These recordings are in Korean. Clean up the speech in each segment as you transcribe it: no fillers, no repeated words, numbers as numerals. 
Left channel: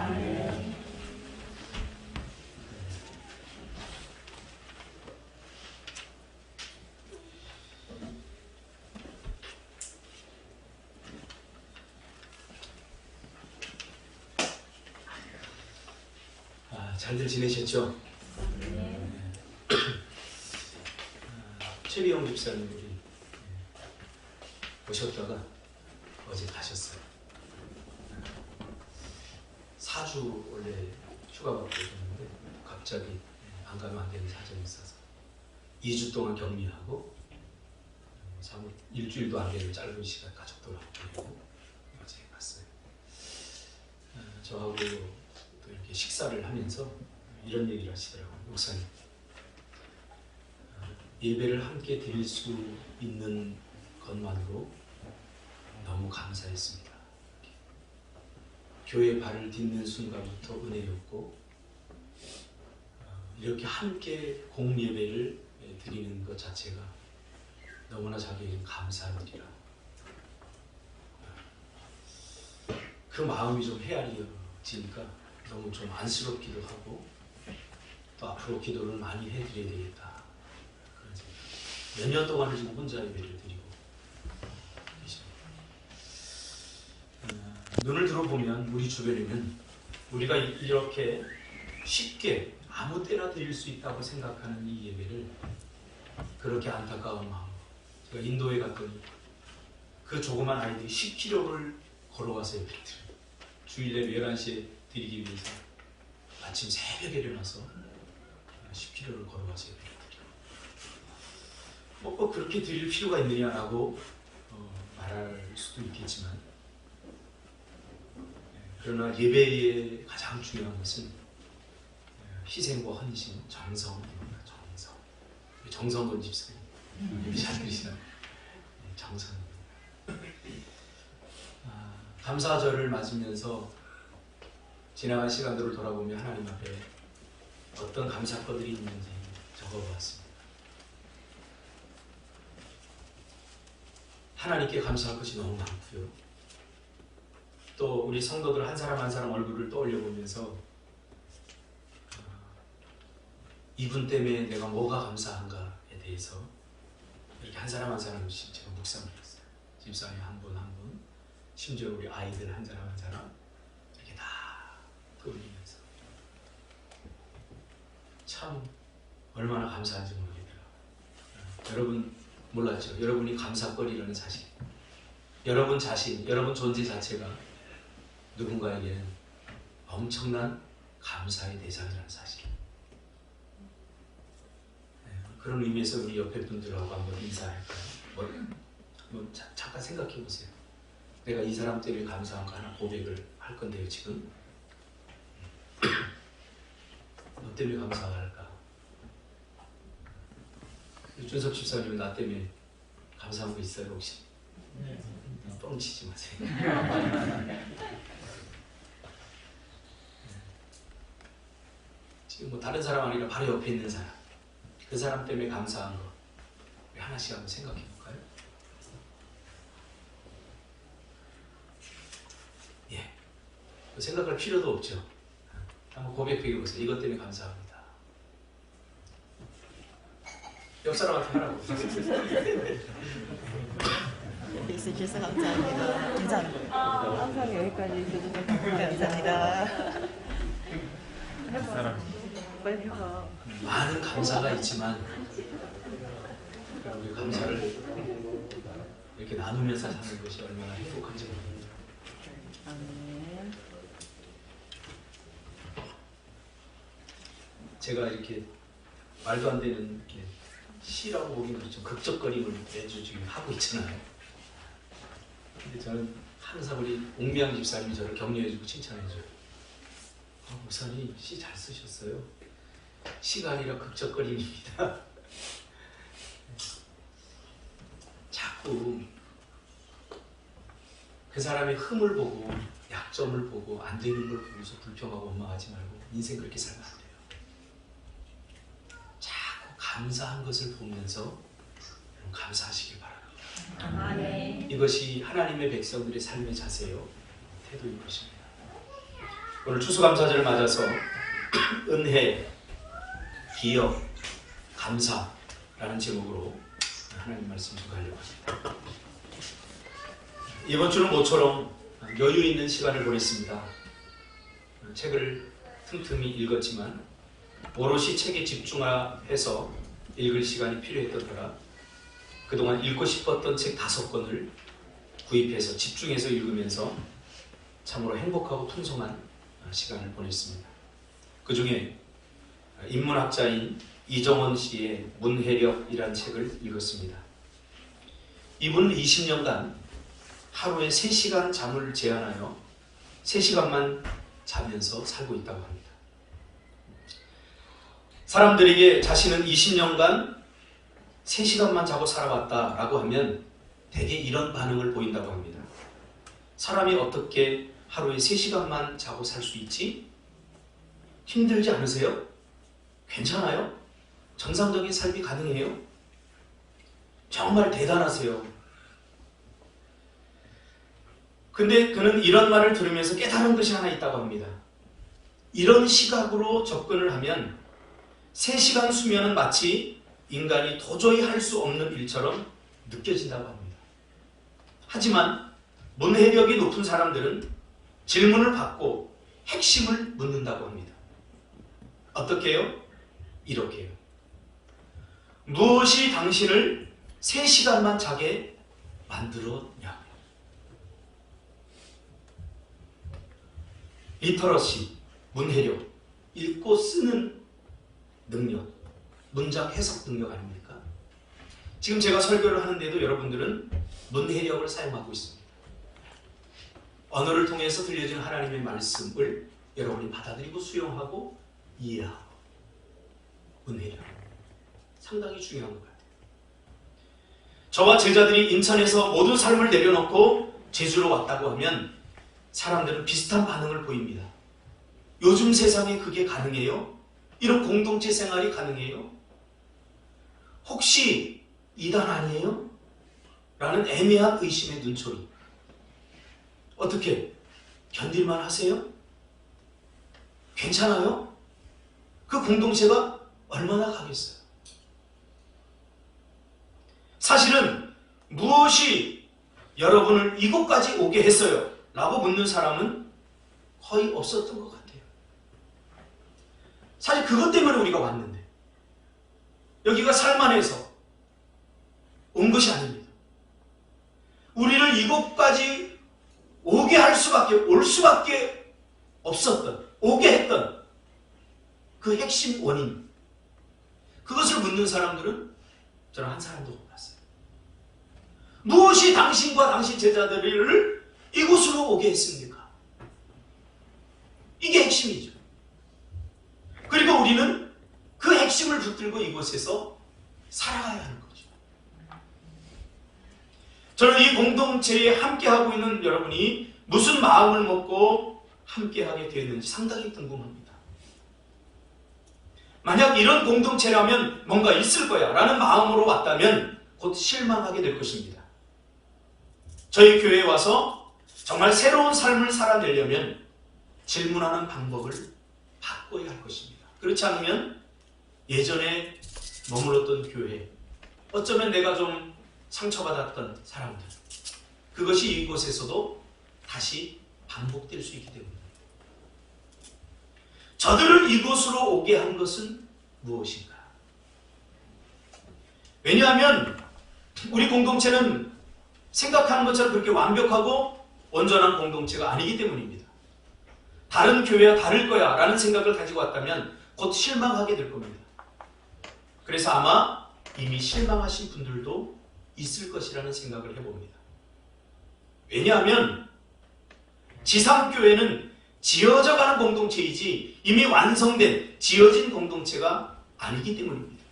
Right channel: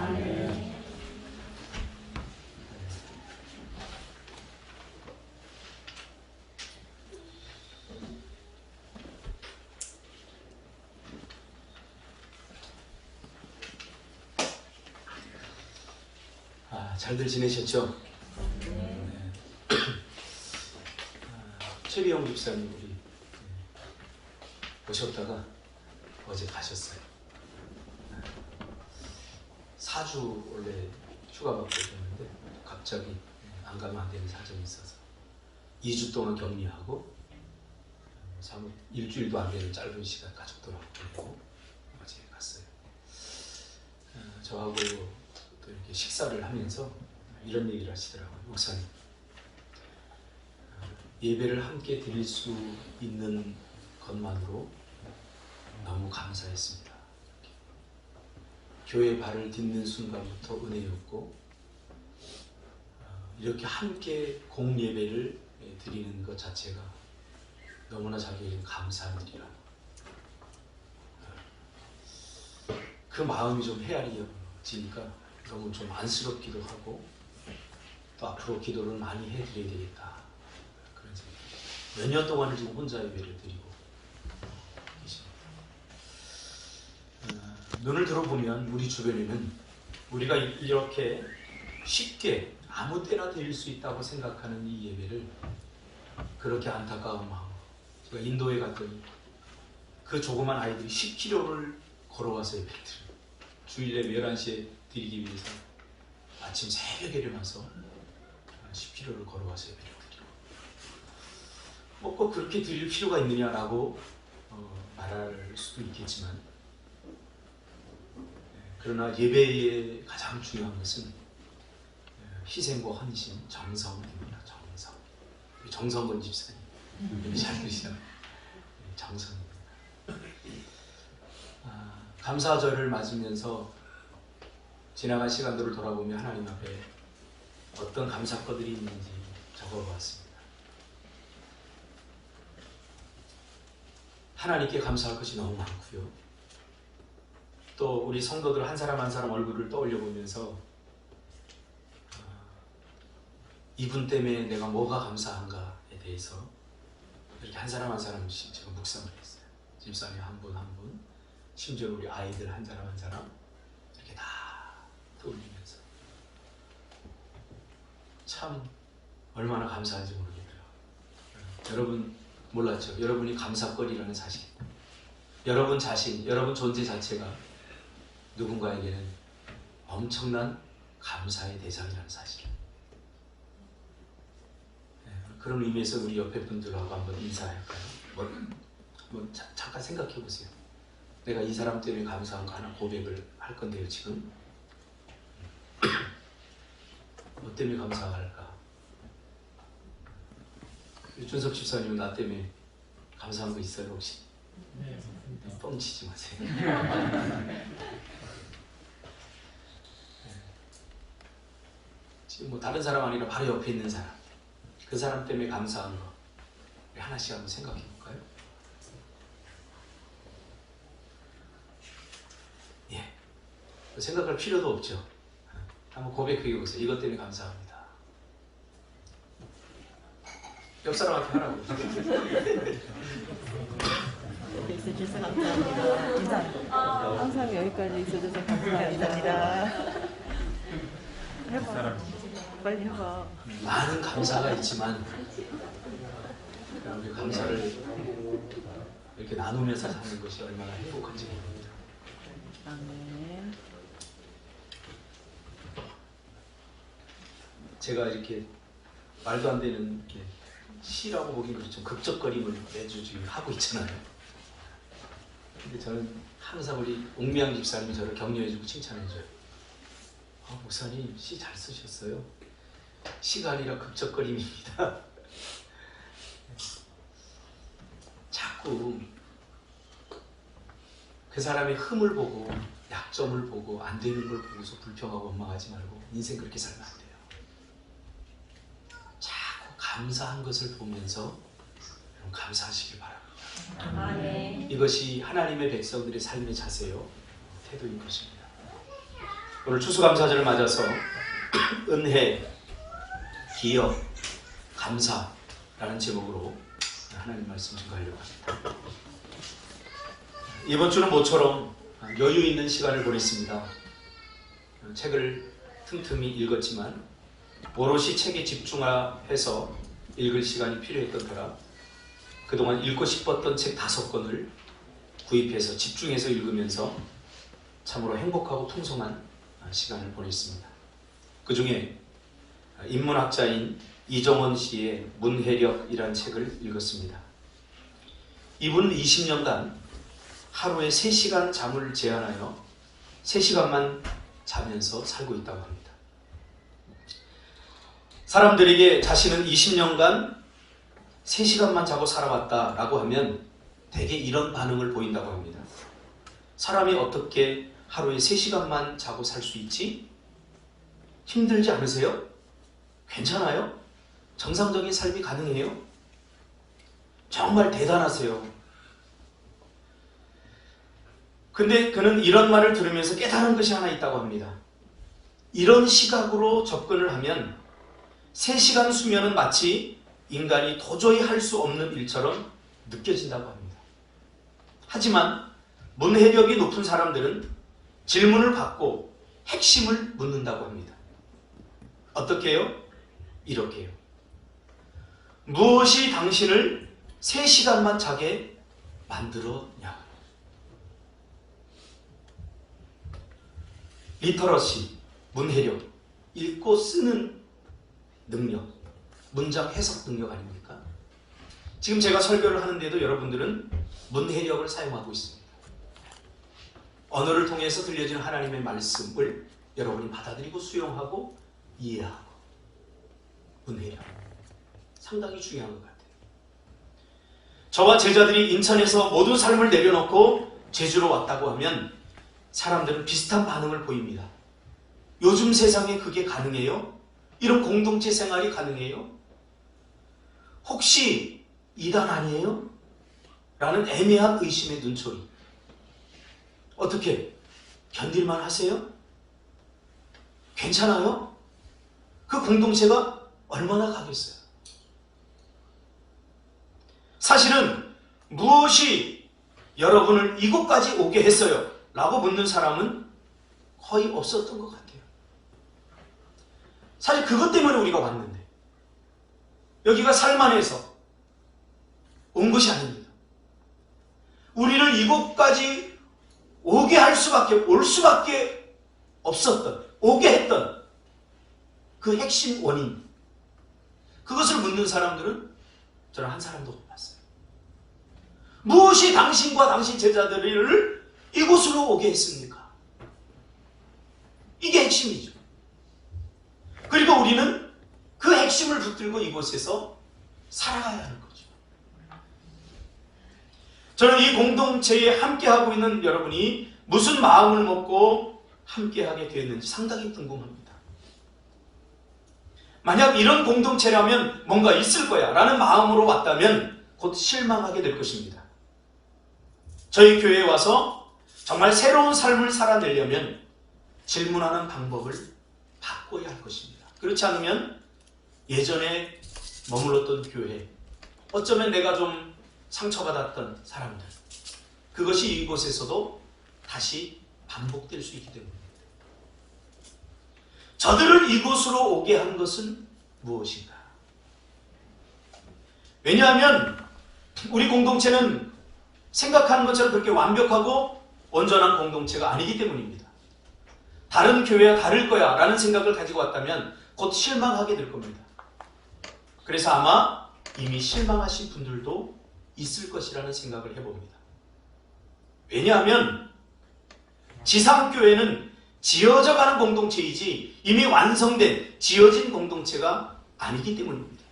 아멘. 잘들 지내셨죠? 네. 최비영 집사님이 오셨다가 어제 가셨어요. 4주 원래 휴가 받고 오셨는데 갑자기 안 가면 안 되는 사정이 있어서 2주 동안 격리하고 일주일도 안 되는 짧은 시간 가족들하고 보내고 어제 갔어요. 저하고 또 이렇게 식사를 하면서 이런 얘기를 하시더라고요. 목사님, 예배를 함께 드릴 수 있는 것만으로 너무 감사했습니다. 교회 발을 딛는 순간부터 은혜였고, 이렇게 함께 공예배를 드리는 것 자체가 너무나 자기에게 감사한 일이라. 그 마음이 좀 헤아려지니까 너무 좀 안쓰럽기도 하고, 또 앞으로 기도를 많이 해드려야 되겠다. 그래서 몇 년 동안 지금 혼자 예배를 드리고 계십니다. 눈을 들어보면 우리 주변에는 우리가 이렇게 쉽게 아무 때나 드릴 수 있다고 생각하는 이 예배를 그렇게 안타까운 마음. 제가 인도에 갔더니 그 조그만 아이들이 10km를 걸어가서 예배를 드려요. 주일 예배 11시에 드리기 위해서 아침 새벽에 일어나서 10km를 걸어가서 예배를 드리고, 꼭 그렇게 드릴 필요가 있느냐라고 말할 수도 있겠지만, 그러나 예배의 가장 중요한 것은 희생과 헌신, 정성입니다. 정성건 집사님 예배 잘 드리시나요? 정성입니다. 감사절을 맞으면서 지나간 시간들을 돌아보며 하나님 앞에 어떤 감사거들이 있는지 적어보았습니다. 하나님께 감사할 것이 너무 많고요. 또 우리 성도들 한 사람 한 사람 얼굴을 떠올려 보면서 이분 때문에 내가 뭐가 감사한가에 대해서 이렇게 한 사람 한 사람씩 제가 묵상을 했어요. 집사님 한 분 한 분, 심지어 우리 아이들 한 사람 한 사람 이렇게 다 떠올리면서 참 얼마나 감사한지 모르겠더라고요. 여러분 몰랐죠? 여러분이 감사거리라는 사실, 여러분 자신, 여러분 존재 자체가 누군가에게는 엄청난 감사의 대상이라는 사실. 그런 의미에서 우리 옆에 분들하고 한번 인사할까요? 잠깐 생각해 보세요. 내가 이 사람 때문에 감사한 거 하나 고백을 할 건데요, 지금. 뭐 때문에 감사할까? 준섭 집사님은 나 때문에 감사한 거 있어요, 혹시? 네. 뻥치지 마세요. 지금 뭐 다른 사람 아니라 바로 옆에 있는 사람, 그 사람 때문에 감사한 거 우리 하나씩 한번 생각해 볼까요? 예, 생각할 필요도 없죠. 한번 고백해 보세요. 이것 때문에 감사합니다. 옆 사람한테 하라고. 옆에 있으셔서 감사합니다. 감사합니다. 항상 여기까지 있어주셔서 감사합니다. 해봐. 빨리 해봐. 많은 감사가 있지만 우리 감사를 이렇게 나누면서 사는 것이 얼마나 행복한지 모릅니다. 아멘. 제가 이렇게 말도 안 되는 이렇게 시라고 보기는 좀 극적거림을 매주 지금 하고 있잖아요. 근데 저는 항상 우리 옥미양 집사님이 저를 격려해주고 칭찬해줘요. 목사님 시 잘 쓰셨어요. 시가 아니라 극적거림입니다. 자꾸 그 사람의 흠을 보고 약점을 보고 안 되는 걸 보고서 불평하고 원망하지 말고 인생 그렇게 살면 안 돼요. 자꾸 감사한 것을 보면서 감사하시길 바랍니다. 아멘. 이것이 하나님의 백성들의 삶의 자세요, 태도인 것입니다. 오늘 추수감사절을 맞아서 은혜, 기억, 감사라는 제목으로 하나님 말씀 전하려고 합니다. 이번 주는 모처럼 여유 있는 시간을 보냈습니다. 책을 틈틈이 읽었지만 오롯이 책에 집중해서 읽을 시간이 필요했던 터라 그동안 읽고 싶었던 책 5권을 구입해서 집중해서 읽으면서 참으로 행복하고 풍성한 시간을 보냈습니다. 그 중에 인문학자인 이정원 씨의 문해력이라는 책을 읽었습니다. 이분은 20년간 하루에 3시간 잠을 제한하여 3시간만 자면서 살고 있다고 합니다. 사람들에게 자신은 20년간 3시간만 자고 살아왔다라고 하면 대개 이런 반응을 보인다고 합니다. 사람이 어떻게 하루에 3시간만 자고 살 수 있지? 힘들지 않으세요? 괜찮아요? 정상적인 삶이 가능해요? 정말 대단하세요. 근데 그는 이런 말을 들으면서 깨달은 것이 하나 있다고 합니다. 이런 시각으로 접근을 하면 3시간 수면은 마치 인간이 도저히 할 수 없는 일처럼 느껴진다고 합니다. 하지만 문해력이 높은 사람들은 질문을 받고 핵심을 묻는다고 합니다. 어떻게 해요? 이렇게 해요. 무엇이 당신을 3시간만 자게 만들었냐고요. 리터러시, 문해력, 읽고 쓰는 능력, 문장 해석 능력 아닙니까? 지금 제가 설교를 하는데도 여러분들은 문해력을 사용하고 있습니다. 언어를 통해서 들려지는 하나님의 말씀을 여러분이 받아들이고 수용하고 이해하고 문해력 상당히 중요한 것 같아요. 저와 제자들이 인천에서 모든 삶을 내려놓고 제주로 왔다고 하면 사람들은 비슷한 반응을 보입니다. 요즘 세상에 그게 가능해요? 이런 공동체 생활이 가능해요? 혹시 이단 아니에요? 라는 애매한 의심의 눈초리. 어떻게? 견딜만 하세요? 괜찮아요? 그 공동체가 얼마나 가겠어요? 사실은 무엇이 여러분을 이곳까지 오게 했어요? 라고 묻는 사람은 거의 없었던 것 같아요. 사실 그것 때문에 우리가 왔는데 여기가 살만해서 온 것이 아닙니다. 우리를 이곳까지 오게 할 수밖에, 올 수밖에 없었던, 오게 했던 그 핵심 원인, 그것을 묻는 사람들은 저는 한 사람도 못 봤어요. 무엇이 당신과 당신 제자들을 이곳으로 오게 했습니까? 이게 핵심이죠. 그리고 우리는 그 핵심을 붙들고 이곳에서 살아가야 하는 거죠. 저는 이 공동체에 함께하고 있는 여러분이 무슨 마음을 먹고 함께하게 되었는지 상당히 궁금합니다. 만약 이런 공동체라면 뭔가 있을 거야 라는 마음으로 왔다면 곧 실망하게 될 것입니다. 저희 교회에 와서 정말 새로운 삶을 살아내려면 질문하는 방법을 바꿔야 할 것입니다. 그렇지 않으면 예전에 머물렀던 교회, 어쩌면 내가 좀 상처받았던 사람들, 그것이 이곳에서도 다시 반복될 수 있기 때문입니다. 저들을 이곳으로 오게 한 것은 무엇인가? 왜냐하면 우리 공동체는 생각하는 것처럼 그렇게 완벽하고 온전한 공동체가 아니기 때문입니다. 다른 교회와 다를 거야 라는 생각을 가지고 왔다면 곧 실망하게 될 겁니다. 그래서 아마 이미 실망하신 분들도 있을 것이라는 생각을 해봅니다. 왜냐하면 지상교회는 지어져가는 공동체이지 이미 완성된 지어진 공동체가 아니기 때문입니다.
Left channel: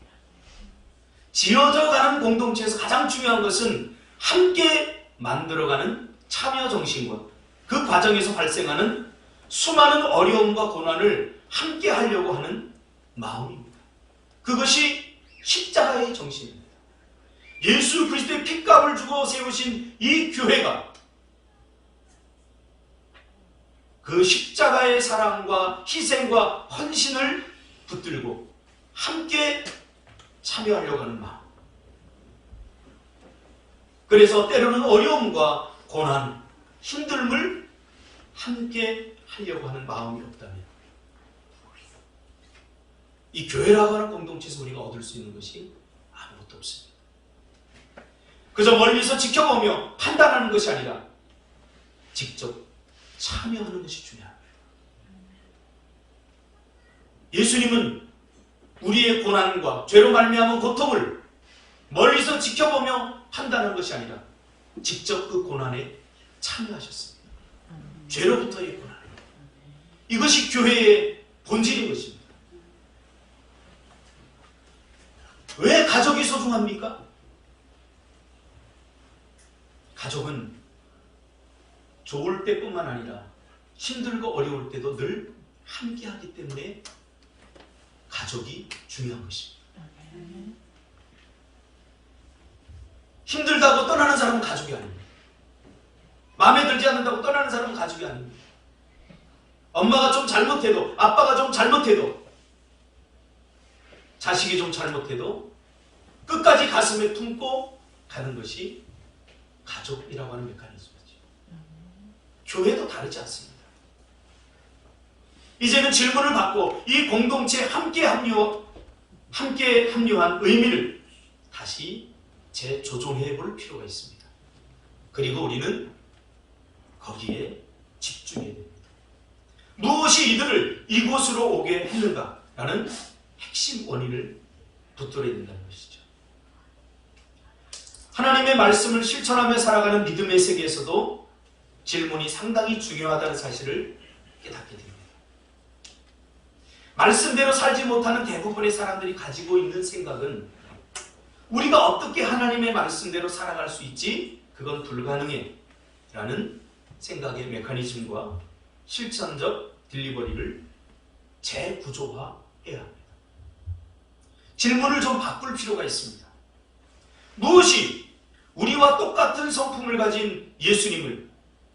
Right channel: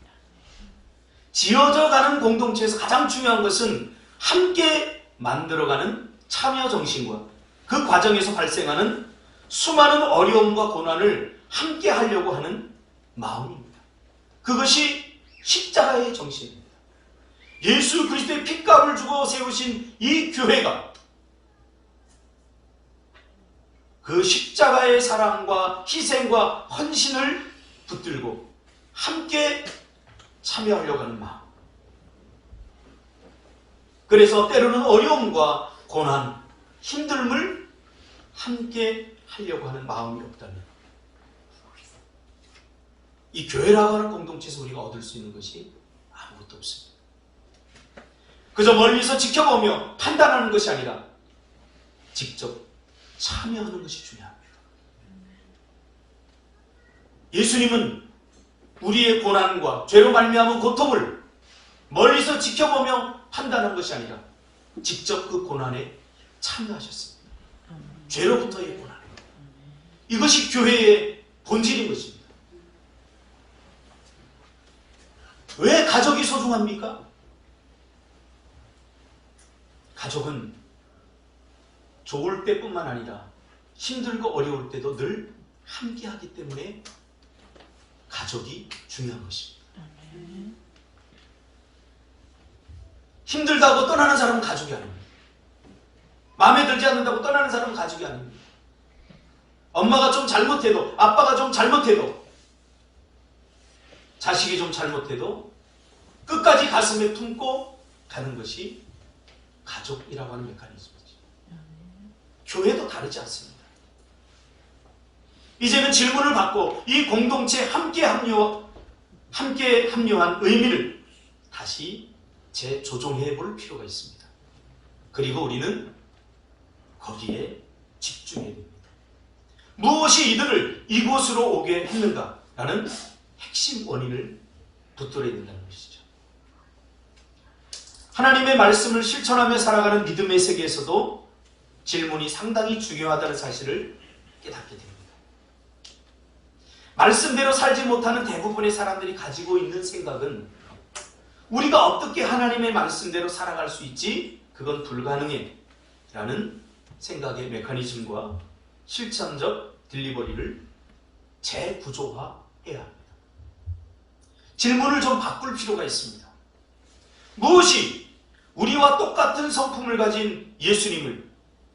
지어져가는 공동체에서 가장 중요한 것은 함께 만들어가는 참여 정신과 그 과정에서 발생하는 수많은 어려움과 고난을 함께 하려고 하는 마음입니다. 그것이 십자가의 정신입니다. 예수 그리스도의 핏값을 주고 세우신 이 교회가 그 십자가의 사랑과 희생과 헌신을 붙들고 함께 참여하려고 하는 마음. 그래서 때로는 어려움과 고난, 힘듦을 함께 하려고 하는 마음이 없다면 이 교회라고 하는 공동체에서 우리가 얻을 수 있는 것이 아무것도 없습니다. 그저 멀리서 지켜보며 판단하는 것이 아니라 직접 참여하는 것이 중요합니다. 예수님은 우리의 고난과 죄로 말미암은 고통을 멀리서 지켜보며 판단한 것이 아니라 직접 그 고난에 참여하셨습니다. 죄로부터의 고난. 이것이 교회의 본질인 것입니다. 왜 가족이 소중합니까? 가족은 좋을 때뿐만 아니라 힘들고 어려울 때도 늘 함께하기 때문에 가족이 중요한 것입니다. 힘들다고 떠나는 사람은 가족이 아닙니다. 마음에 들지 않는다고 떠나는 사람은 가족이 아닙니다. 엄마가 좀 잘못해도, 아빠가 좀 잘못해도, 자식이 좀 잘못해도 끝까지 가슴에 품고 가는 것이 가족이라고 하는 메커니즘이죠. 교회도 다르지 않습니다. 이제는 질문을 받고 이 공동체에 함께 합류한 의미를 다시 재조정해 볼 필요가 있습니다. 그리고 우리는 거기에 집중해야 됩니다. 무엇이 이들을 이곳으로 오게 했는가라는 핵심 원인을 붙들어야 된다는 것이죠. 하나님의 말씀을 실천하며 살아가는 믿음의 세계에서도 질문이 상당히 중요하다는 사실을 깨닫게 됩니다. 말씀대로 살지 못하는 대부분의 사람들이 가지고 있는 생각은 우리가 어떻게 하나님의 말씀대로 살아갈 수 있지? 그건 불가능해 라는 생각의 메커니즘과 실천적 딜리버리를 재구조화해야 합니다. 질문을 좀 바꿀 필요가 있습니다. 무엇이 우리와 똑같은 성품을 가진 예수님을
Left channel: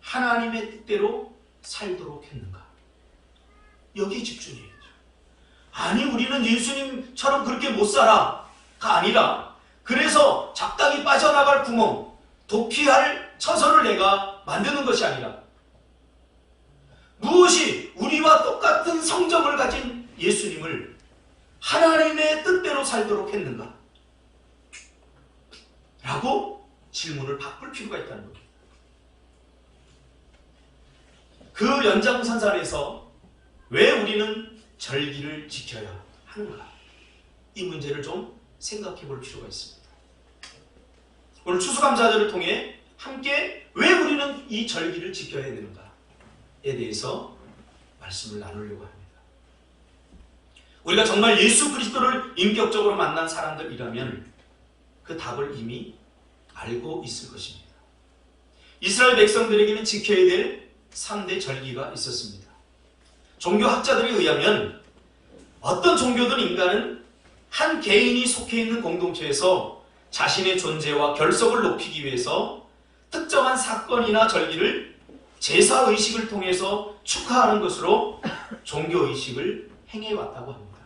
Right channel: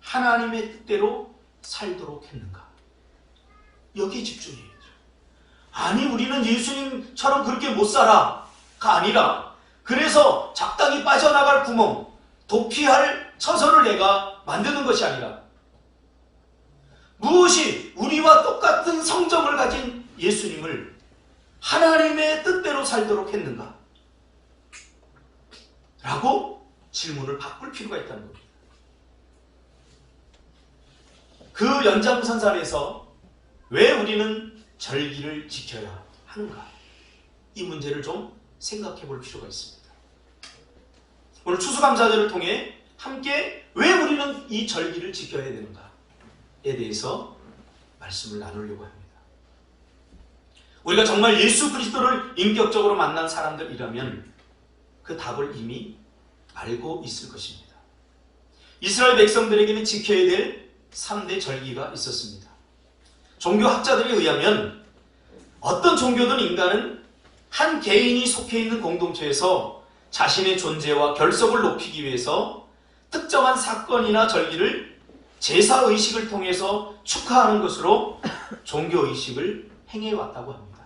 하나님의 뜻대로 살도록 했는가? 여기에 집중해야죠. 아니, 우리는 예수님처럼 그렇게 못 살아가 아니라 그래서 적당히 빠져나갈 구멍, 도피할 처소를 내가 만드는 것이 아니라 무엇이 우리와 똑같은 성정을 가진 예수님을 하나님의 뜻대로 살도록 했는가? 라고 질문을 바꿀 필요가 있다는 겁니다. 그 연장선상에서 왜 우리는 절기를 지켜야 하는가? 이 문제를 좀 생각해 볼 필요가 있습니다. 오늘 추수감사절을 통해 함께 왜 우리는 이 절기를 지켜야 되는가에 대해서 말씀을 나누려고 합니다. 우리가 정말 예수 그리스도를 인격적으로 만난 사람들이라면 그 답을 이미 알고 있을 것입니다. 이스라엘 백성들에게는 지켜야 될 3대 절기가 있었습니다. 종교학자들에 의하면 어떤 종교든 인간은 한 개인이 속해 있는 공동체에서 자신의 존재와 결속을 높이기 위해서 특정한 사건이나 절기를 제사의식을 통해서 축하하는 것으로 종교의식을 행해왔다고 합니다.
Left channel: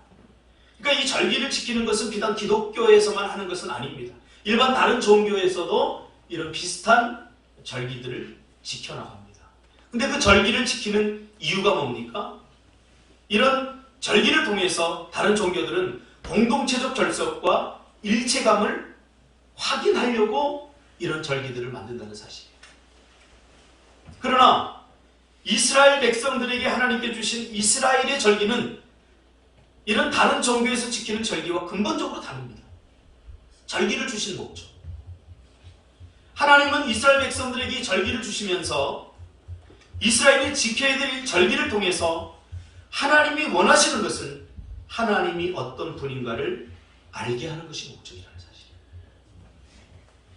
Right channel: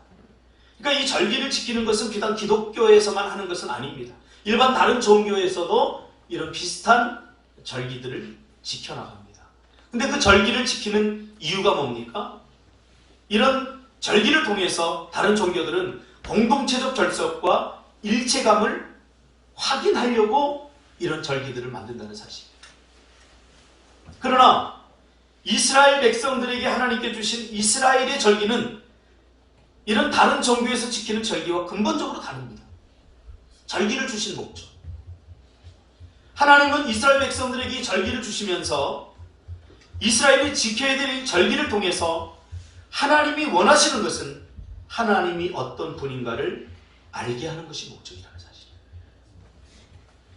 그러니까 이 절기를 지키는 것은 비단 기독교에서만 하는 것은 아닙니다. 일반 다른 종교에서도 이런 비슷한 절기들을 지켜나갑니다. 근데 그 절기를 지키는 이유가 뭡니까? 이런 절기를 통해서 다른 종교들은 공동체적 결속과 일체감을 확인하려고 이런 절기들을 만든다는 사실이에요. 그러나 이스라엘 백성들에게 하나님께 주신 이스라엘의 절기는 이런 다른 종교에서 지키는 절기와 근본적으로 다릅니다. 절기를 주신 목적. 하나님은 이스라엘 백성들에게 절기를 주시면서 이스라엘이 지켜야 될 절기를 통해서 하나님이 원하시는 것은 하나님이 어떤 분인가를 알게 하는 것이 목적이라는 사실이에요.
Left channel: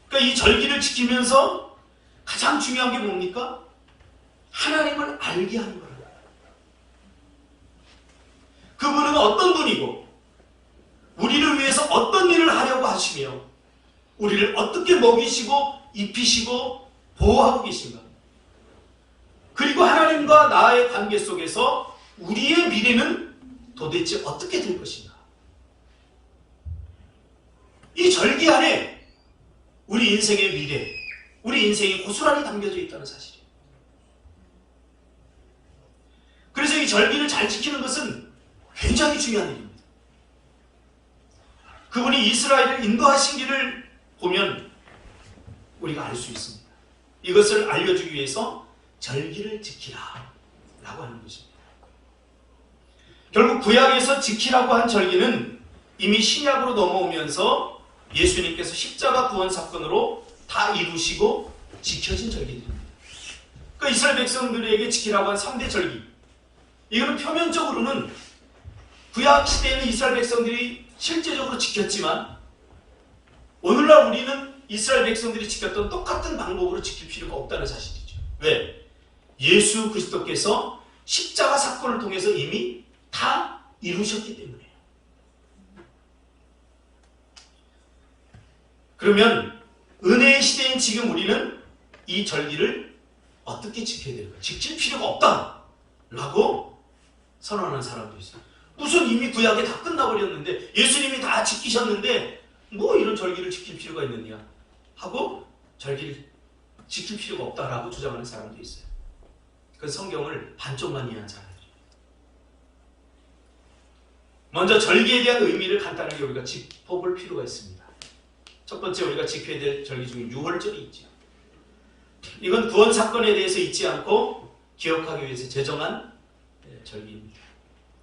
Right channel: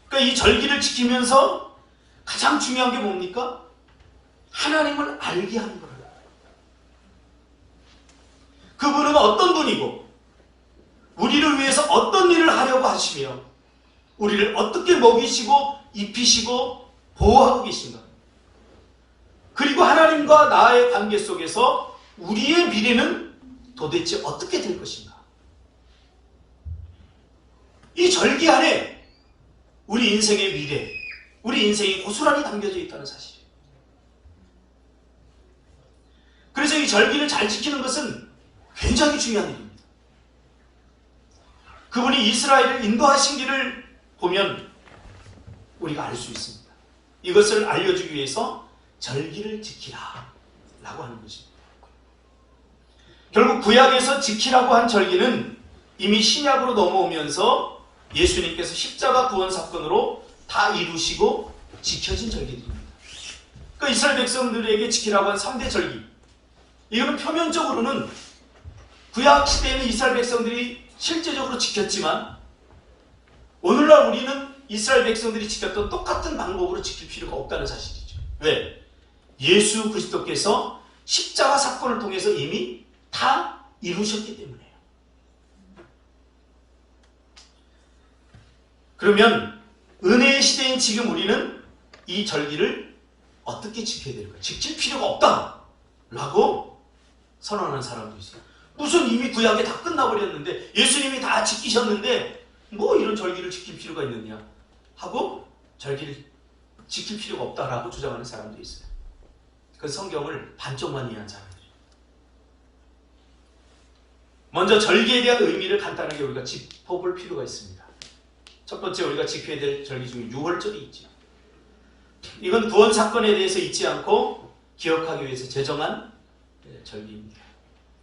그러니까 이 절기를 지키면서 가장 중요한 게 뭡니까? 하나님을 알게 하는 거예요. 그분은 어떤 분이고 우리를 위해서 어떤 일을 하려고 하시며 우리를 어떻게 먹이시고 입히시고 보호하고 계신가? 그리고 하나님과 나의 관계 속에서 우리의 미래는 도대체 어떻게 될 것인가? 이 절기 안에 우리 인생의 미래, 우리 인생이 고스란히 담겨져 있다는 사실이에요. 그래서 이 절기를 잘 지키는 것은 굉장히 중요한 일입니다. 그분이 이스라엘을 인도하신 길을 보면 우리가 알 수 있습니다. 이것을 알려주기 위해서 절기를 지키라 라고 하는 것입니다. 결국 구약에서 지키라고 한 절기는 이미 신약으로 넘어오면서 예수님께서 십자가 구원 사건으로 다 이루시고 지켜진 절기들입니다. 그러니까 이스라엘 백성들에게 지키라고 한 3대 절기, 이거는 표면적으로는 구약 시대에는 이스라엘 백성들이 실제적으로 지켰지만 오늘날 우리는 이스라엘 백성들이 지켰던 똑같은 방법으로 지킬 필요가 없다는 사실이죠. 왜? 예수 그리스도께서 십자가 사건을 통해서 이미 다 이루셨기 때문에요. 그러면 은혜의 시대인 지금 우리는 이 절기를 어떻게 지켜야 될까? 지킬 필요가 없다라고 선언하는 사람도 있어요. 무슨 이미 구약에 다 끝나버렸는데 예수님이 다 지키셨는데 뭐 이런 절기를 지킬 필요가 있느냐 하고 절기를 지킬 필요가 없다라고 주장하는 사람도 있어요. 그 성경을 반쪽만 이해한 사람들이에요. 먼저 절기에 대한 의미를 간단하게 우리가 짚어볼 필요가 있습니다. 첫 번째 우리가 지켜야 될 절기 중에 유월절이 있죠. 이건 구원 사건에 대해서 잊지 않고 기억하기 위해서 제정한 절기입니다.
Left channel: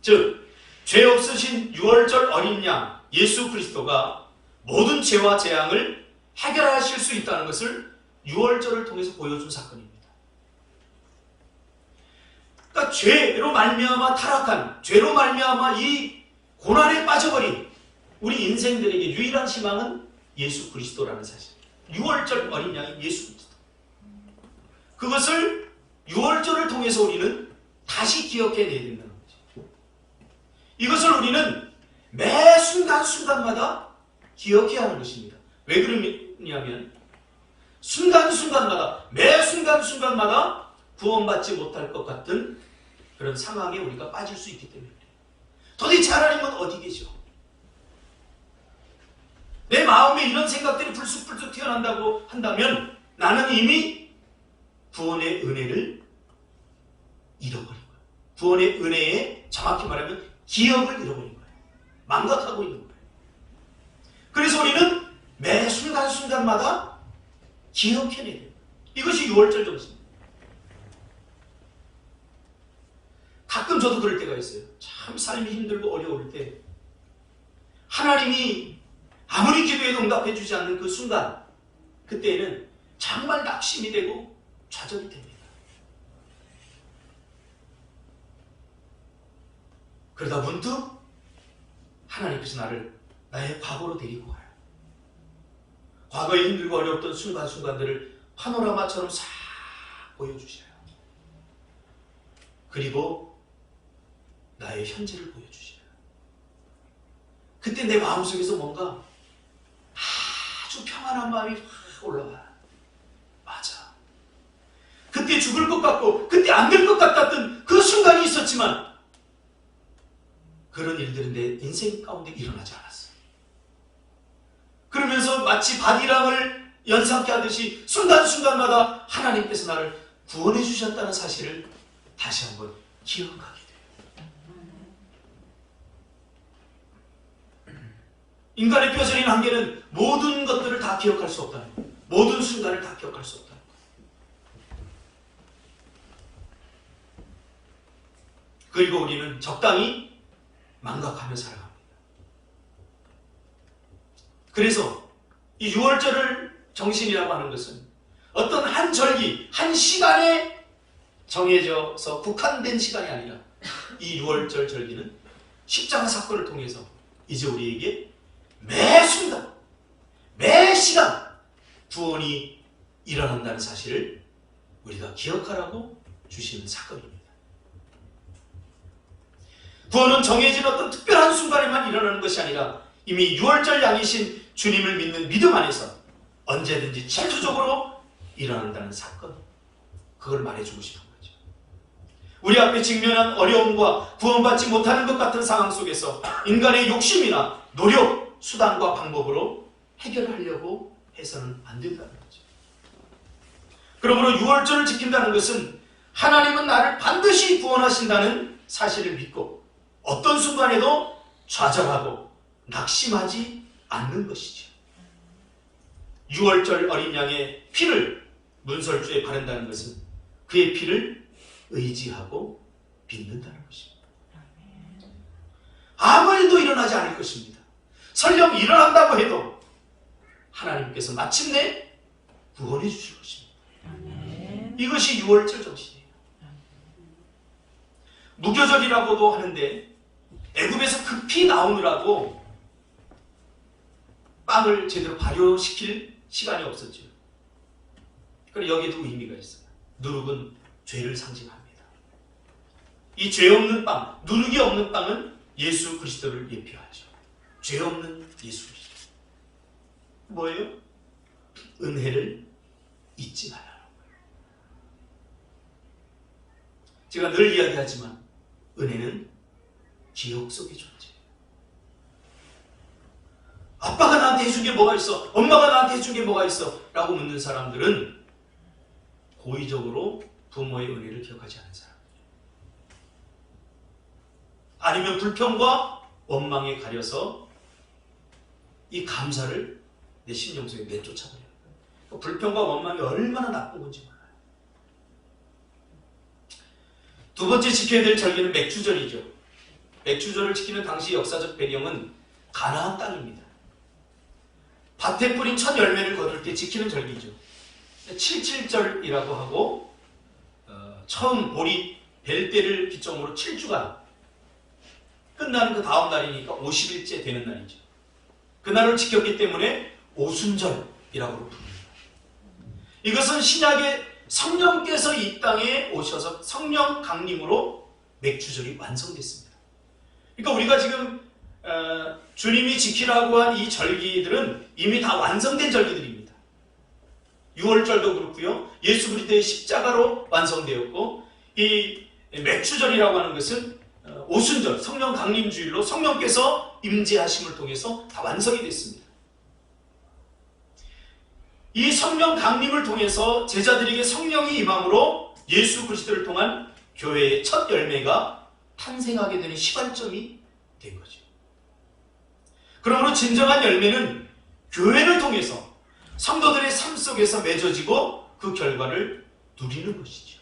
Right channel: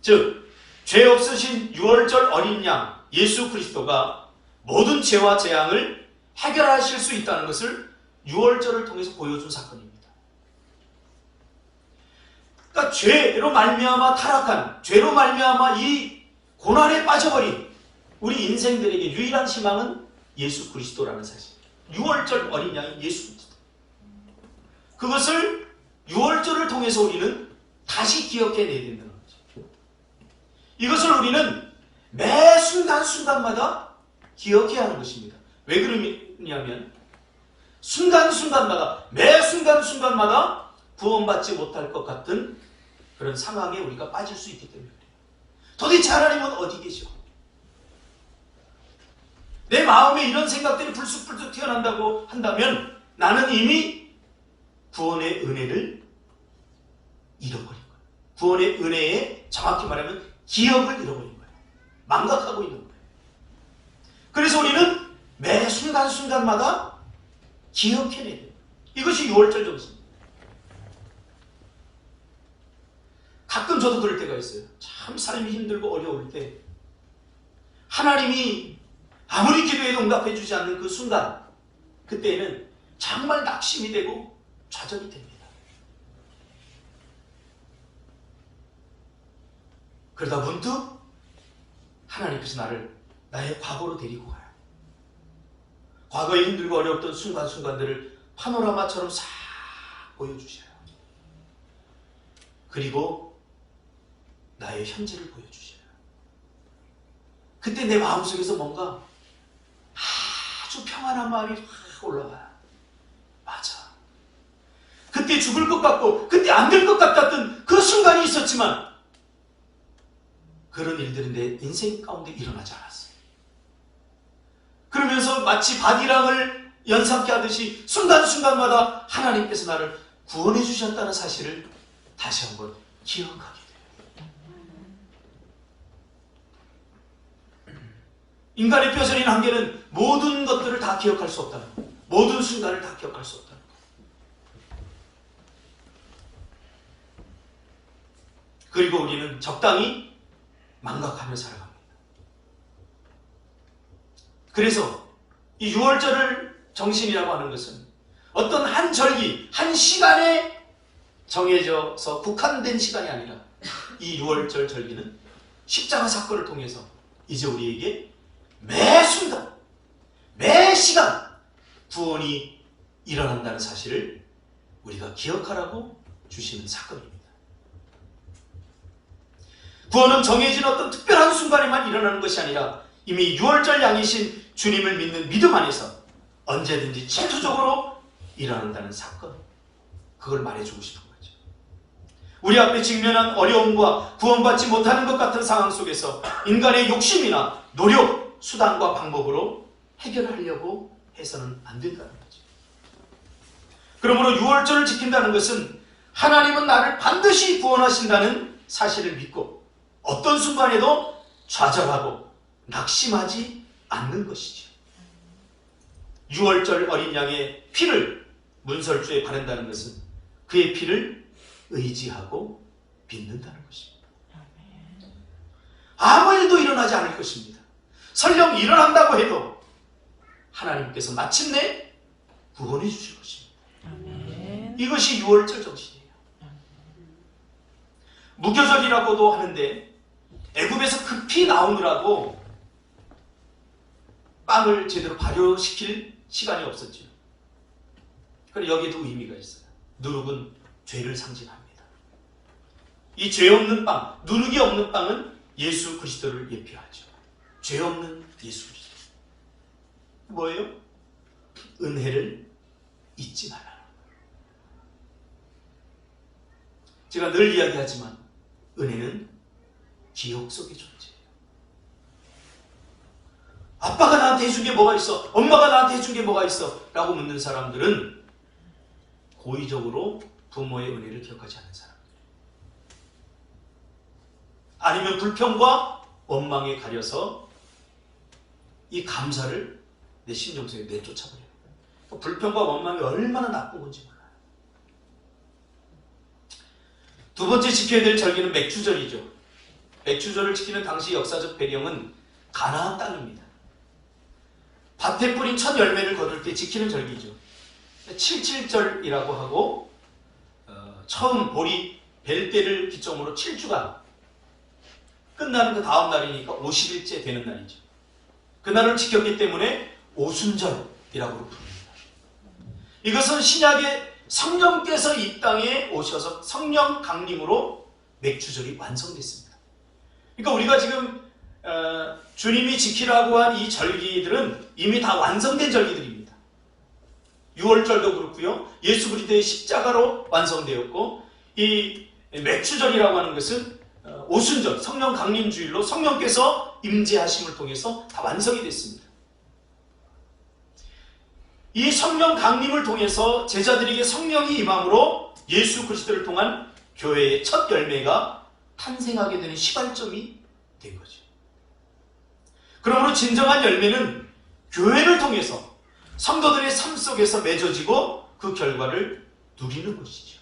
즉 죄 없으신 유월절 어린 양 예수 그리스도가 모든 죄와 재앙을 해결하실 수 있다는 것을 유월절을 통해서 보여준 사건입니다. 그러니까 죄로 말미암아 타락한, 죄로 말미암아 이 고난에 빠져버린 우리 인생들에게 유일한 희망은 예수 그리스도라는 사실. 유월절 어린 양인 예수 그리스도. 그것을 유월절을 통해서 우리는 다시 기억해내야 된다는 거죠. 이것을 우리는 매 순간순간마다 기억해야 하는 것입니다. 왜 그러냐면 순간순간마다, 매 순간순간마다 구원받지 못할 것 같은 그런 상황에 우리가 빠질 수 있기 때문에 그래요. 도대체 하나님은 어디 계셔? 내 마음에 이런 생각들이 불쑥불쑥 튀어난다고 한다면 나는 이미 구원의 은혜를 잃어버린 거예요. 구원의 은혜에 정확히 말하면 기억을 잃어버린 거예요. 망각하고 있는 거예요. 그래서 우리는 매 순간순간마다 기억해내야 돼요. 이것이 유월절 정신입니다. 가끔 저도 그럴 때가 있어요. 참 삶이 힘들고 어려울 때 하나님이 아무리 기도해도 응답해주지 않는 그 순간, 그때에는 정말 낙심이 되고 좌절이 됩니다. 그러다 문득 하나님께서 나의 과거로 데리고 가요. 과거에 힘들고 어려웠던 순간순간들을 파노라마처럼 싹 보여주셔요. 그리고 나의 현재를 보여주셔요. 그때 내 마음속에서 뭔가 아주 평안한 마음이 확 올라와요. 맞아. 그때 죽을 것 같고 그때 안 될 것 같았던 그 순간이 있었지만 그런 일들은 내 인생 가운데 일어나지 않았어요. 그러면서 마치 바디랑을 연상케 하듯이 순간순간마다 하나님께서 나를 구원해 주셨다는 사실을 다시 한번 기억하게 돼요. 인간의 뼈저린 한계는 모든 것들을 다 기억할 수 없다는 거예요. 모든 순간을 다 기억할 수 없다는 거예요. 그리고 우리는 적당히 망각하며 살아갑니다. 그래서 이 유월절을 정신이라고 하는 것은 어떤 한 절기, 한 시간에 정해져서 국한된 시간이 아니라 이 유월절 절기는 십자가 사건을 통해서 이제 우리에게 매 순간, 매 시간 구원이 일어난다는 사실을 우리가 기억하라고 주시는 사건입니다. 구원은 정해진 어떤 특별한 순간에만 일어나는 것이 아니라 이미 유월절 양이신 주님을 믿는 믿음 안에서 언제든지 창조적으로 일어난다는 사건, 그걸 말해주고 싶은 거죠. 우리 앞에 직면한 어려움과 구원받지 못하는 것 같은 상황 속에서 인간의 욕심이나 노력, 수단과 방법으로 해결하려고 해서는 안 된다는 거죠. 그러므로 유월절을 지킨다는 것은 하나님은 나를 반드시 구원하신다는 사실을 믿고 어떤 순간에도 좌절하고 낙심하지 않는 것이죠. 유월절 어린 양의 피를 문설주에 바른다는 것은 그의 피를 의지하고 믿는다는 것입니다. 아무 일도 일어나지 않을 것입니다. 설령 일어난다고 해도 하나님께서 마침내 구원해 주실 것입니다. 이것이 유월절 정신이에요. 무교절이라고도 하는데 애굽에서 급히 나오느라고 빵을 제대로 발효시킬 시간이 없었죠. 그리고 여기도 의미가 있어요. 누룩은 죄를 상징합니다. 이 죄 없는 빵, 누룩이 없는 빵은 예수 그리스도를 예표하죠. 죄 없는 예수 그리스도. 뭐예요? 은혜를 잊지 말아라. 제가 늘 이야기하지만 은혜는 기억 속의 존재예요. 아빠가 나한테 해준 게 뭐가 있어? 엄마가 나한테 해준 게 뭐가 있어? 라고 묻는 사람들은 고의적으로 부모의 은혜를 기억하지 않는 사람들. 아니면 불평과 원망에 가려서 이 감사를 내 심령 속에 내쫓아버려요. 불평과 원망이 얼마나 나쁜 건지 몰라요. 두 번째 지켜야 될 절기는 맥주절이죠. 맥주절을 지키는 당시 역사적 배경은 가나안 땅입니다. 밭에 뿌린 첫 열매를 거둘 때 지키는 절기죠. 77절이라고 하고 처음 보리 벨 때를 기점으로 7주간 끝나는 그 다음 날이니까 50일째 되는 날이죠. 그날을 지켰기 때문에 오순절이라고 부릅니다. 이것은 신약의 성령께서 이 땅에 오셔서 성령 강림으로 맥주절이 완성됐습니다. 그러니까 우리가 지금 주님이 지키라고 한 이 절기들은 이미 다 완성된 절기들입니다. 유월절도 그렇고요. 예수 그리스도의 십자가로 완성되었고 이 맥주절이라고 하는 것은 오순절, 성령 강림주일로 성령께서 임재하심을 통해서 다 완성이 됐습니다. 이 성령 강림을 통해서 제자들에게 성령이 임함으로 예수 그리스도를 통한 교회의 첫 열매가 탄생하게 되는 시발점이 된 거죠. 그러므로 진정한 열매는 교회를 통해서 성도들의 삶 속에서 맺어지고 그 결과를 누리는 것이죠.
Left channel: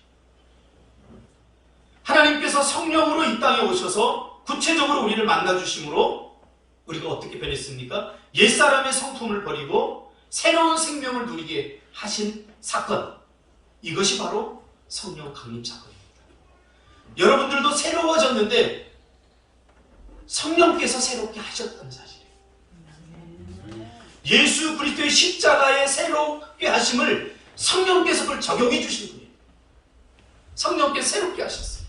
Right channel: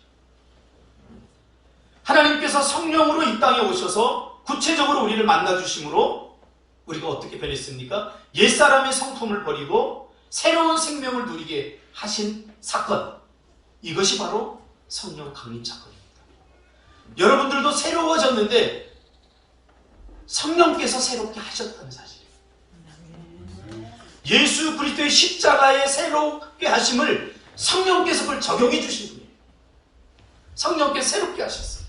하나님께서 성령으로 이 땅에 오셔서 구체적으로 우리를 만나주심으로 우리가 어떻게 변했습니까? 옛사람의 성품을 버리고 새로운 생명을 누리게 하신 사건, 이것이 바로 성령 강림 사건입니다. 여러분들도 새로워졌는데 성령께서 새롭게 하셨다는 사실이에요. 예수 그리스도의 십자가의 새롭게 하심을 성령께서 그걸 적용해 주신 분이에요. 성령께서 새롭게 하셨어요.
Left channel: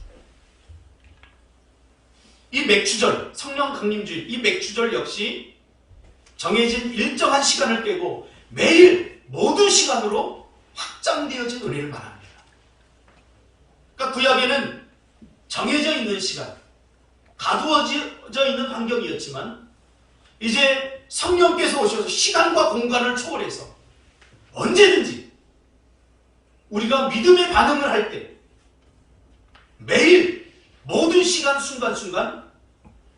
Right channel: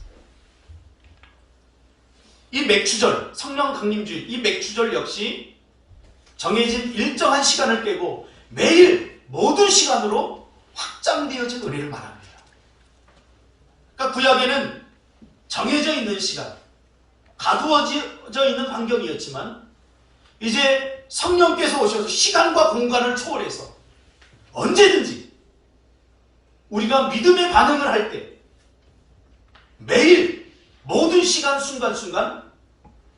이 맥주절, 성령 강림주일, 이 맥주절 역시 정해진 일정한 시간을 빼고 매일 모든 시간으로 확장되어진 은혜를 말합니다. 그러니까 구약에는 정해져 있는 시간, 가두어져 있는 환경이었지만 이제 성령께서 오셔서 시간과 공간을 초월해서 언제든지 우리가 믿음의 반응을 할 때 매일 모든 시간 순간순간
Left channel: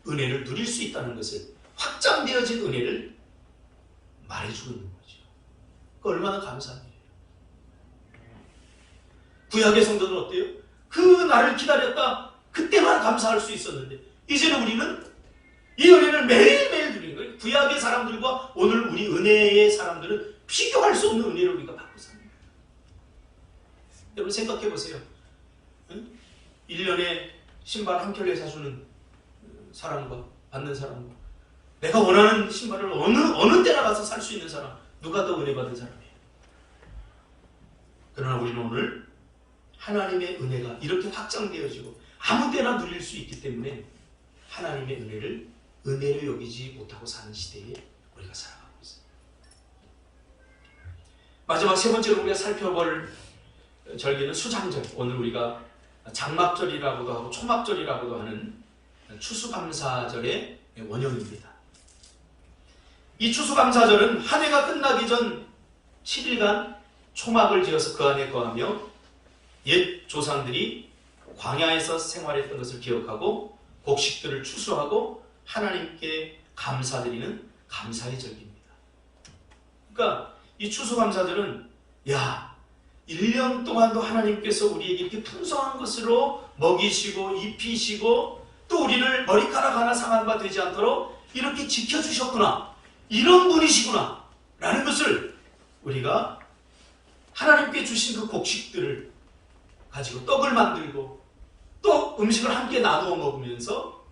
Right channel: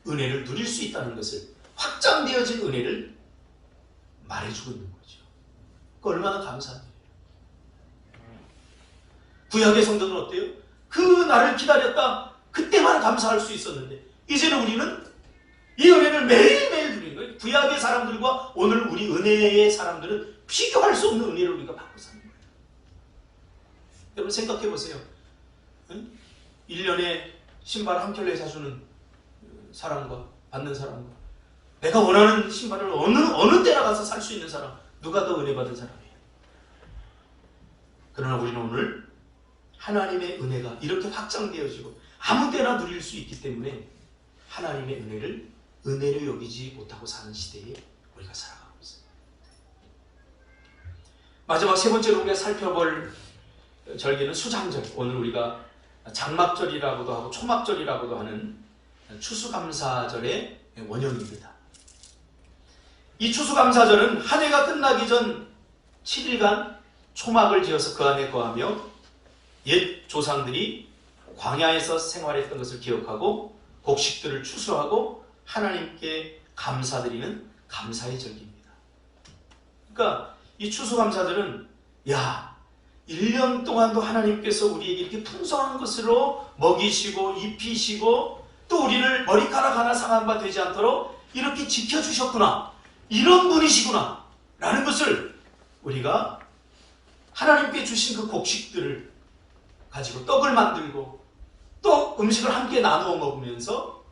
은혜를 누릴 수 있다는 것을 확장되어진 은혜를 말해주고 있는 거죠. 그 얼마나 감사한 일이에요. 구약의 성도는 어때요? 그 날을 기다렸다 그때만 감사할 수 있었는데 이제는 우리는 이 은혜를 매일매일 누리는 거예요. 구약의 사람들과 오늘 우리 은혜의 사람들은 비교할 수 없는 은혜를 우리가 받고 삽니다. 여러분 생각해 보세요. 1년에 신발 한 켤레 사주는 사람과 받는 사람과 내가 원하는 신발을 어느 때나 가서 살 수 있는 사람, 누가 더 은혜 받은 사람이에요? 그러나 우리는 오늘 하나님의 은혜가 이렇게 확장되어지고 아무 때나 누릴 수 있기 때문에 하나님의 은혜를 은혜로 여기지 못하고 사는 시대에 우리가 살아가고 있습니다. 마지막 세 번째로 우리가 살펴볼 절기는 수장절, 오늘 우리가 장막절이라고도 하고 초막절이라고도 하는 추수감사절의 원형입니다. 이 추수감사절은 한 해가 끝나기 전 7일간 초막을 지어서 그 안에 거하며 옛 조상들이 광야에서 생활했던 것을 기억하고 곡식들을 추수하고 하나님께 감사드리는 감사의 절기입니다. 그러니까 이 추수감사절은 1년 동안도 하나님께서 우리에게 이렇게 풍성한 것으로 먹이시고 입히시고 또 우리를 머리카락 하나 상한 바 되지 않도록 이렇게 지켜주셨구나, 이런 분이시구나 라는 것을 우리가 하나님께 주신 그 곡식들을 가지고 떡을 만들고 또 음식을 함께 나누어 먹으면서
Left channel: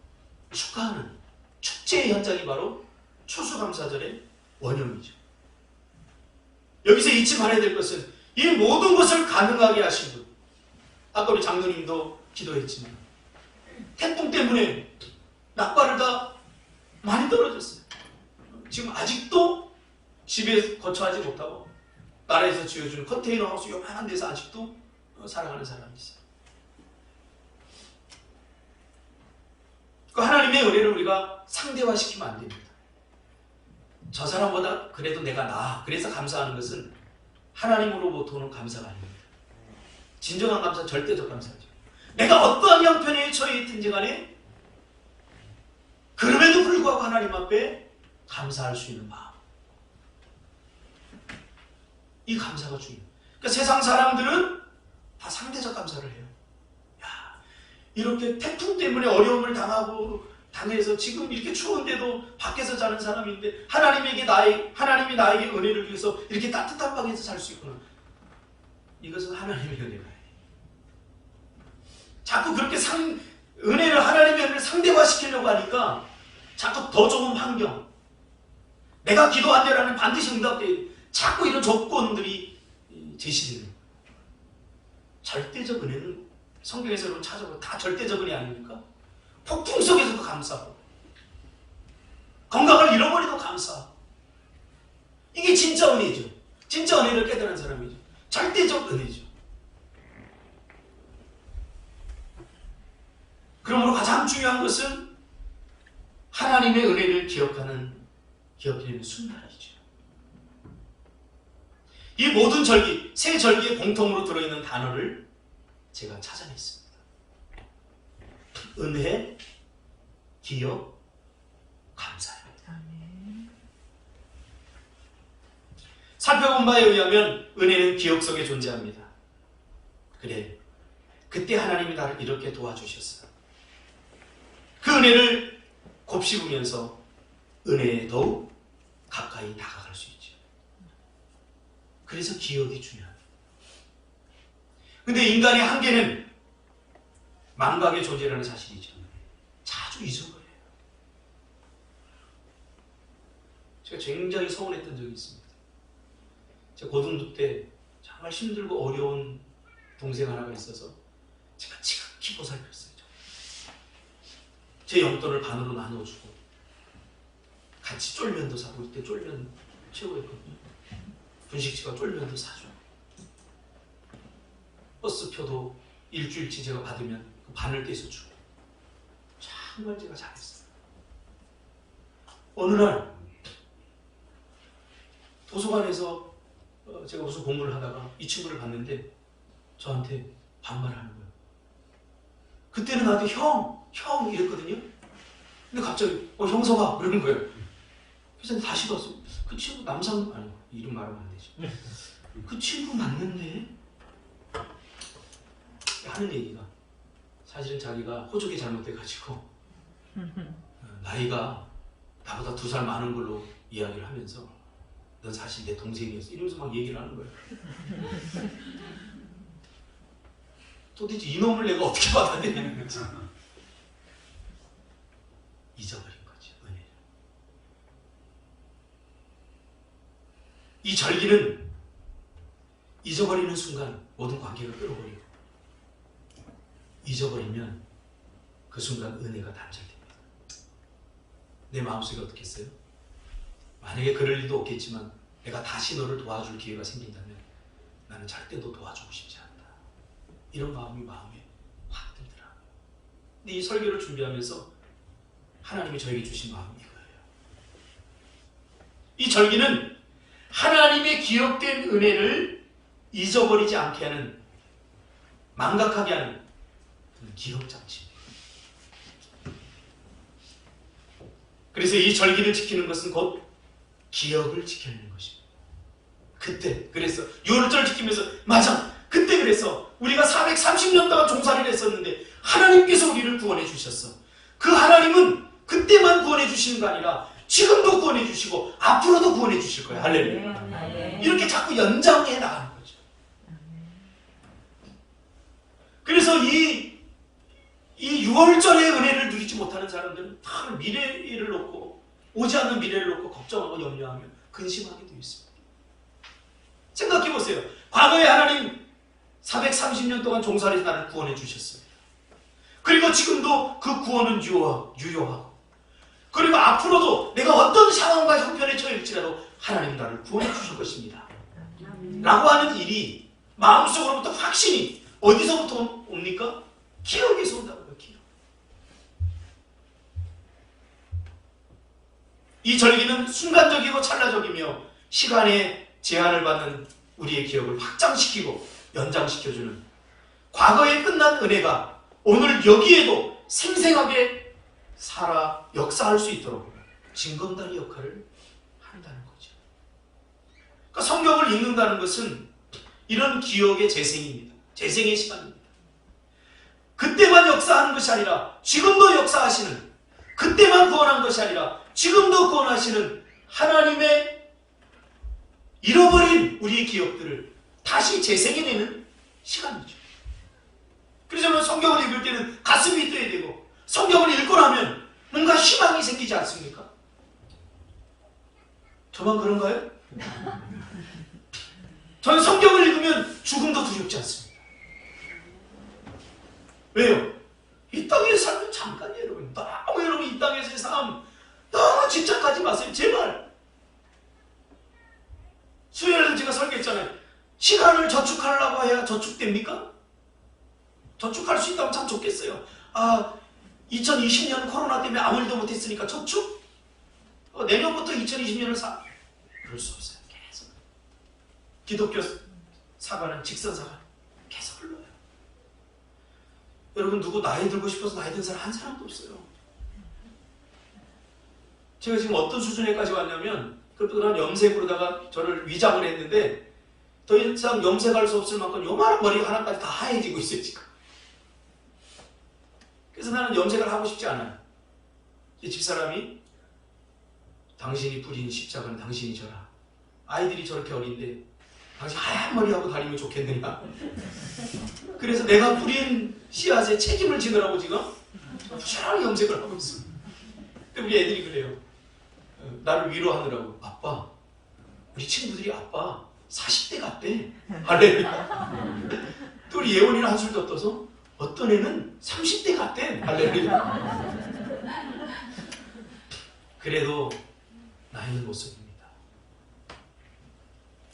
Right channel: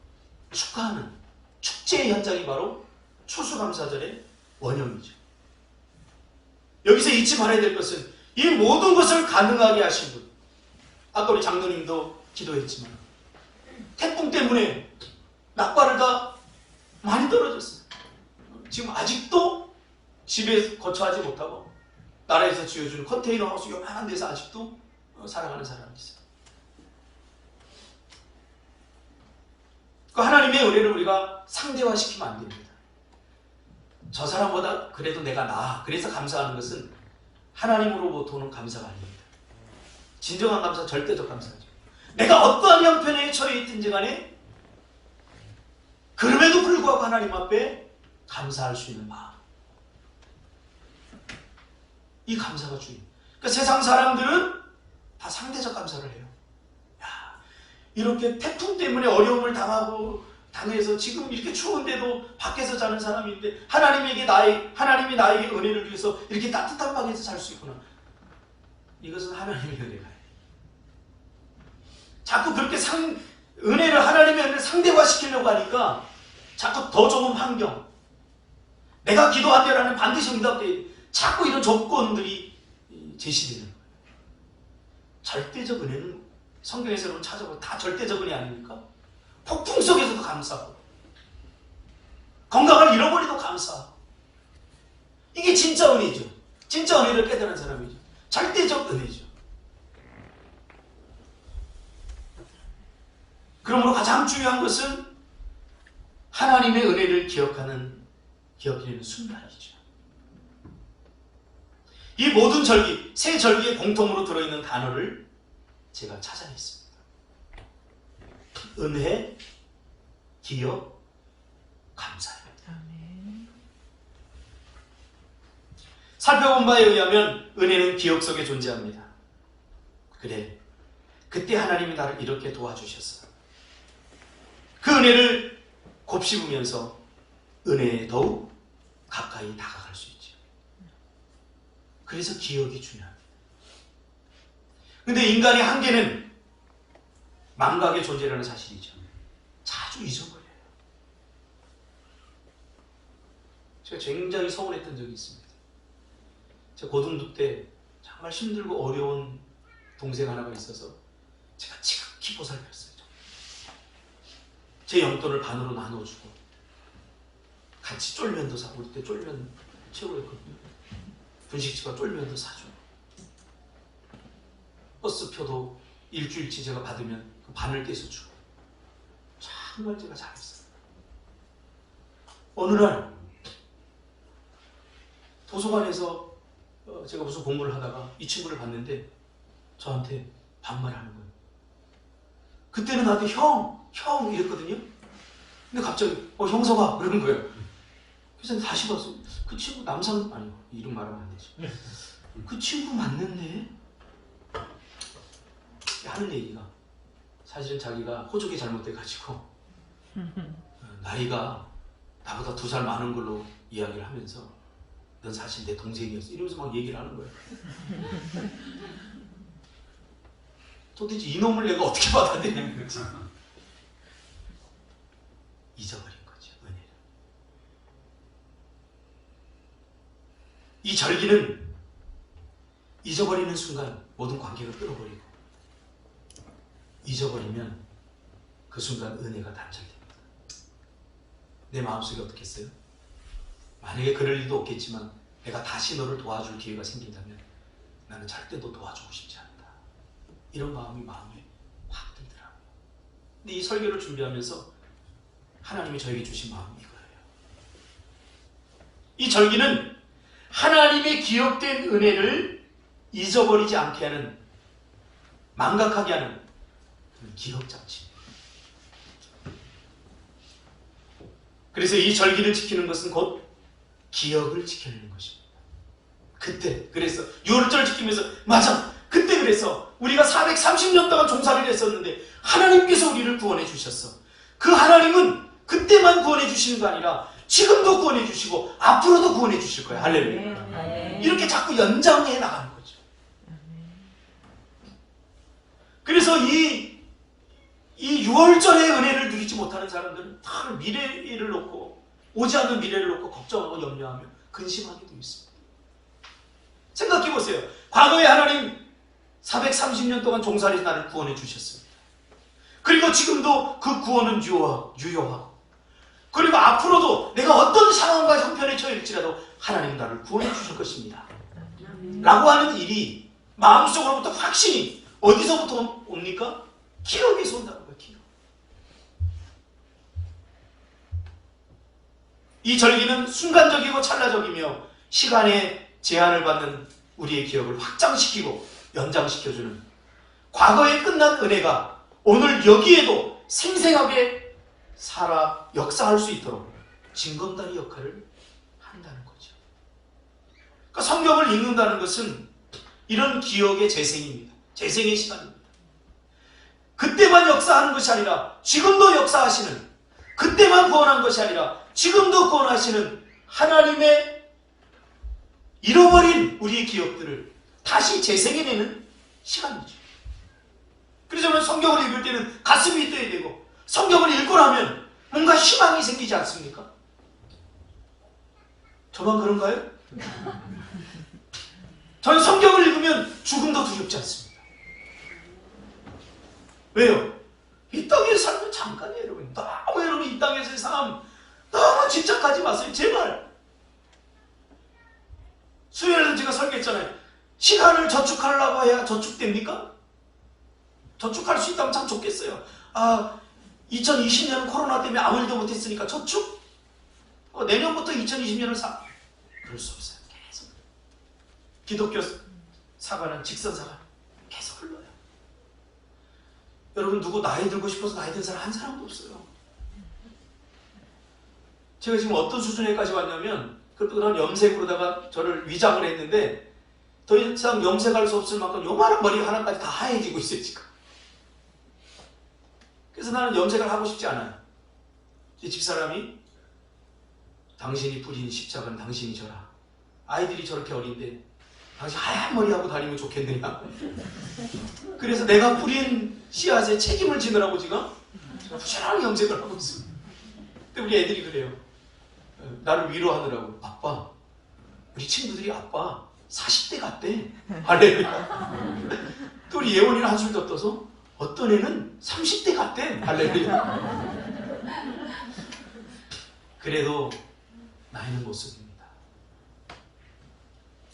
축하하는 축제의 현장이 바로 추수감사절의 원형이죠. 여기서 잊지 말아야 될 것은 이 모든 것을 가능하게 하신 분, 아까 우리 장로님도 기도했지만 태풍 때문에 낙과를 다 많이 떨어졌어요. 지금 아직도 집에 거처하지 못하고 나라에서 지어준 컨테이너 하우스 요만한 데서 아직도 살아가는 사람이 있어요. 그 하나님의 은혜를 우리가 상대화시키면 안 됩니다. 저 사람보다 그래도 내가 나아, 그래서 감사하는 것은 하나님으로부터 오는 감사가 아닙니다. 진정한 감사, 절대적 감사죠. 내가 어떠한 형편에 처해 있든지 간에 그럼에도 불구하고 하나님 앞에 감사할 수 있는 마음, 이 감사가 중요해요. 그러니까 세상 사람들은 다 상대적 감사를 해요. 이렇게 태풍 때문에 어려움을 당해서 지금 이렇게 추운데도 밖에서 자는 사람인데 하나님이 나에게 은혜를 주셔서 이렇게 따뜻한 방에서 살 수 있구나. 이것은 하나님의 은혜가 아니에요. 자꾸 그렇게 하나님의 은혜를 상대화시키려고 하니까 자꾸 더 좋은 환경, 내가 기도한 대로 하면 반드시 응답돼야 돼. 자꾸 이런 조건들이 제시되는 거예요. 절대적 은혜는 성경에서는 찾아보고 다 절대적 은혜 아닙니까? 폭풍 속에서도 감사하고 건강을 잃어버려도 감사하고, 이게 진짜 은혜죠. 진짜 은혜를 깨달은 사람이죠. 절대적 은혜죠. 그러므로 가장 중요한 것은 하나님의 은혜를 기억하는 순간이죠. 이 모든 절기, 세 절기에 공통으로 들어있는 단어를 제가 찾아냈습니다. 은혜, 기억, 감사입니다. 살펴본 바에 의하면 은혜는 기억 속에 존재합니다. 그래, 그때 하나님이 나를 이렇게 도와주셨어. 그 은혜를 곱씹으면서 은혜에 더욱 가까이 다가갈 수 있죠. 그래서 기억이 중요합니다. 근데 인간의 한계는 망각의 존재라는 사실이죠. 자주 잊어버려요. 제가 굉장히 서운했던 적이 있습니다. 제가 고등부 때 정말 힘들고 어려운 동생 하나가 있어서 제가 지극히 보살폈어요. 제 용돈을 반으로 나눠주고 같이 쫄면도 사고, 그때 쫄면 최고였거든요. 분식집가 쫄면도 사줘요. 버스표도 일주일치 제가 받으면 그 반을 떼서 주고, 정말 제가 잘했어요. 어느 날 도서관에서 제가 무슨 공부를 하다가 이 친구를 봤는데 저한테 반말하는 거예요. 그때는 나한테 형 이랬거든요. 근데 갑자기 형서가 그러는 거예요. 그래서 다시 봤어요. 그 친구 남상, 아니 이름 말하면 안 되죠. 그 친구 맞는데? 하는 얘기가 사실은 자기가 호적이 잘못돼가지고 나이가 나보다 2살 많은 걸로 이야기를 하면서 넌 사실 내 동생이었어 이러면서 막 얘기를 하는 거예요. 도대체 이놈을 내가 어떻게 받아들이는 거지? 잊어버린 거죠, 은혜를. 이 절기는 잊어버리는 순간 모든 관계를 끌어버리고, 잊어버리면 그 순간 은혜가 단절됩니다. 내 마음속에 어떻겠어요? 만약에 그럴 일도 없겠지만 내가 다시 너를 도와줄 기회가 생긴다면 나는 절대 너 도와주고 싶지 않다. 이런 마음이 마음에 확 근데 이 설교를 준비하면서 하나님이 저에게 주신 마음이 이거예요. 이 절기는 하나님의 기억된 은혜를 잊어버리지 않게 하는, 망각하게 하는 기억장치. 그래서 이 절기를 지키는 것은 곧 기억을 지켜내는 것입니다. 그때 그래서 유월절 지키면서 맞아, 그때 그래서 우리가 430년 동안 종살이를 했었는데 하나님께서 우리를 구원해 주셨어. 그 하나님은 그때만 구원해 주시는 거 아니라 지금도 구원해 주시고 앞으로도 구원해 주실 거예요. 할렐루야. 이렇게 자꾸 연장해 나가는 거죠. 그래서 이 6월절의 은혜를 누리지 못하는 사람들은 다 미래를 놓고, 오지 않는 미래를 놓고 걱정하고 염려하며 근심하게 되어 있습니다. 생각해 보세요. 과거에 하나님 430년 동안 종살이 나를 구원해 주셨습니다. 그리고 지금도 그 구원은 유효하고, 그리고 앞으로도 내가 어떤 상황과 형편에 처해일지라도 하나님 나를 구원해 주실 것입니다. 라고 하는 일이 마음속으로부터 확신이 어디서부터 옵니까? 기억에서 온다는 거예요. 기억. 이 절기는 순간적이고 찰나적이며 시간의 제한을 받는 우리의 기억을 확장시키고 연장시켜주는, 과거에 끝난 은혜가 오늘 여기에도 생생하게 살아 역사할 수 있도록 징검다리 역할을 한다는 거죠. 그러니까 성경을 읽는다는 것은 이런 기억의 재생입니다. 재생의 시간입니다. 그때만 역사하는 것이 아니라 지금도 역사하시는, 그때만 구원한 것이 아니라 지금도 구원하시는 하나님의 잃어버린 우리의 기억들을 다시 재생해내는 시간이죠. 그래서 저는 성경을 읽을 때는 가슴이 뛰어야 되고, 성경을 읽고 나면 뭔가 희망이 생기지 않습니까? 저만 그런가요? 저는 성경을 읽으면 죽음도 두렵지 않습니다. 왜요? 이 땅의 삶은 잠깐이에요, 여러분. 너무 여러분 이 땅에서의 삶 너무 집착하지 마세요. 제발. 수요일에 제가 설교했잖아요. 시간을 저축하려고 해야 저축됩니까? 저축할 수 있다면 참 좋겠어요. 2020년은 코로나 때문에 아무 일도 못했으니까 저축? 내년부터 2020년을 그럴 수 없어요. 계속. 기독교 사과는 직선사가 계속 흘러요. 여러분 누구 나이 들고 싶어서 나이 든 사람 한 사람도 없어요. 제가 지금 어떤 수준에까지 왔냐면, 그런 염색으로다가 저를 위장을 했는데 더 이상 염색할 수 없을 만큼 요만한 머리 하나까지 다 하얘지고 있어요 지금. 그래서 나는 염색을 하고 싶지 않아요. 제 집사람이 당신이 뿌린 십자가는 당신이 져라. 아이들이 저렇게 어린데 당신 하얀 머리하고 다니면 좋겠느냐. 그래서 내가 뿌린 씨앗에 책임을 지느라고 지금 부지런히 염색을 하고 있습니다. 근데 우리 애들이 그래요. 나를 위로하느라고, 아빠, 우리 친구들이 아빠 40대 같대. 할렐루야. 또 우리 예원이는 한술 더 떠서 어떤 애는 30대 같대. 할렐루야. 그래도 나이는 못 씁니다.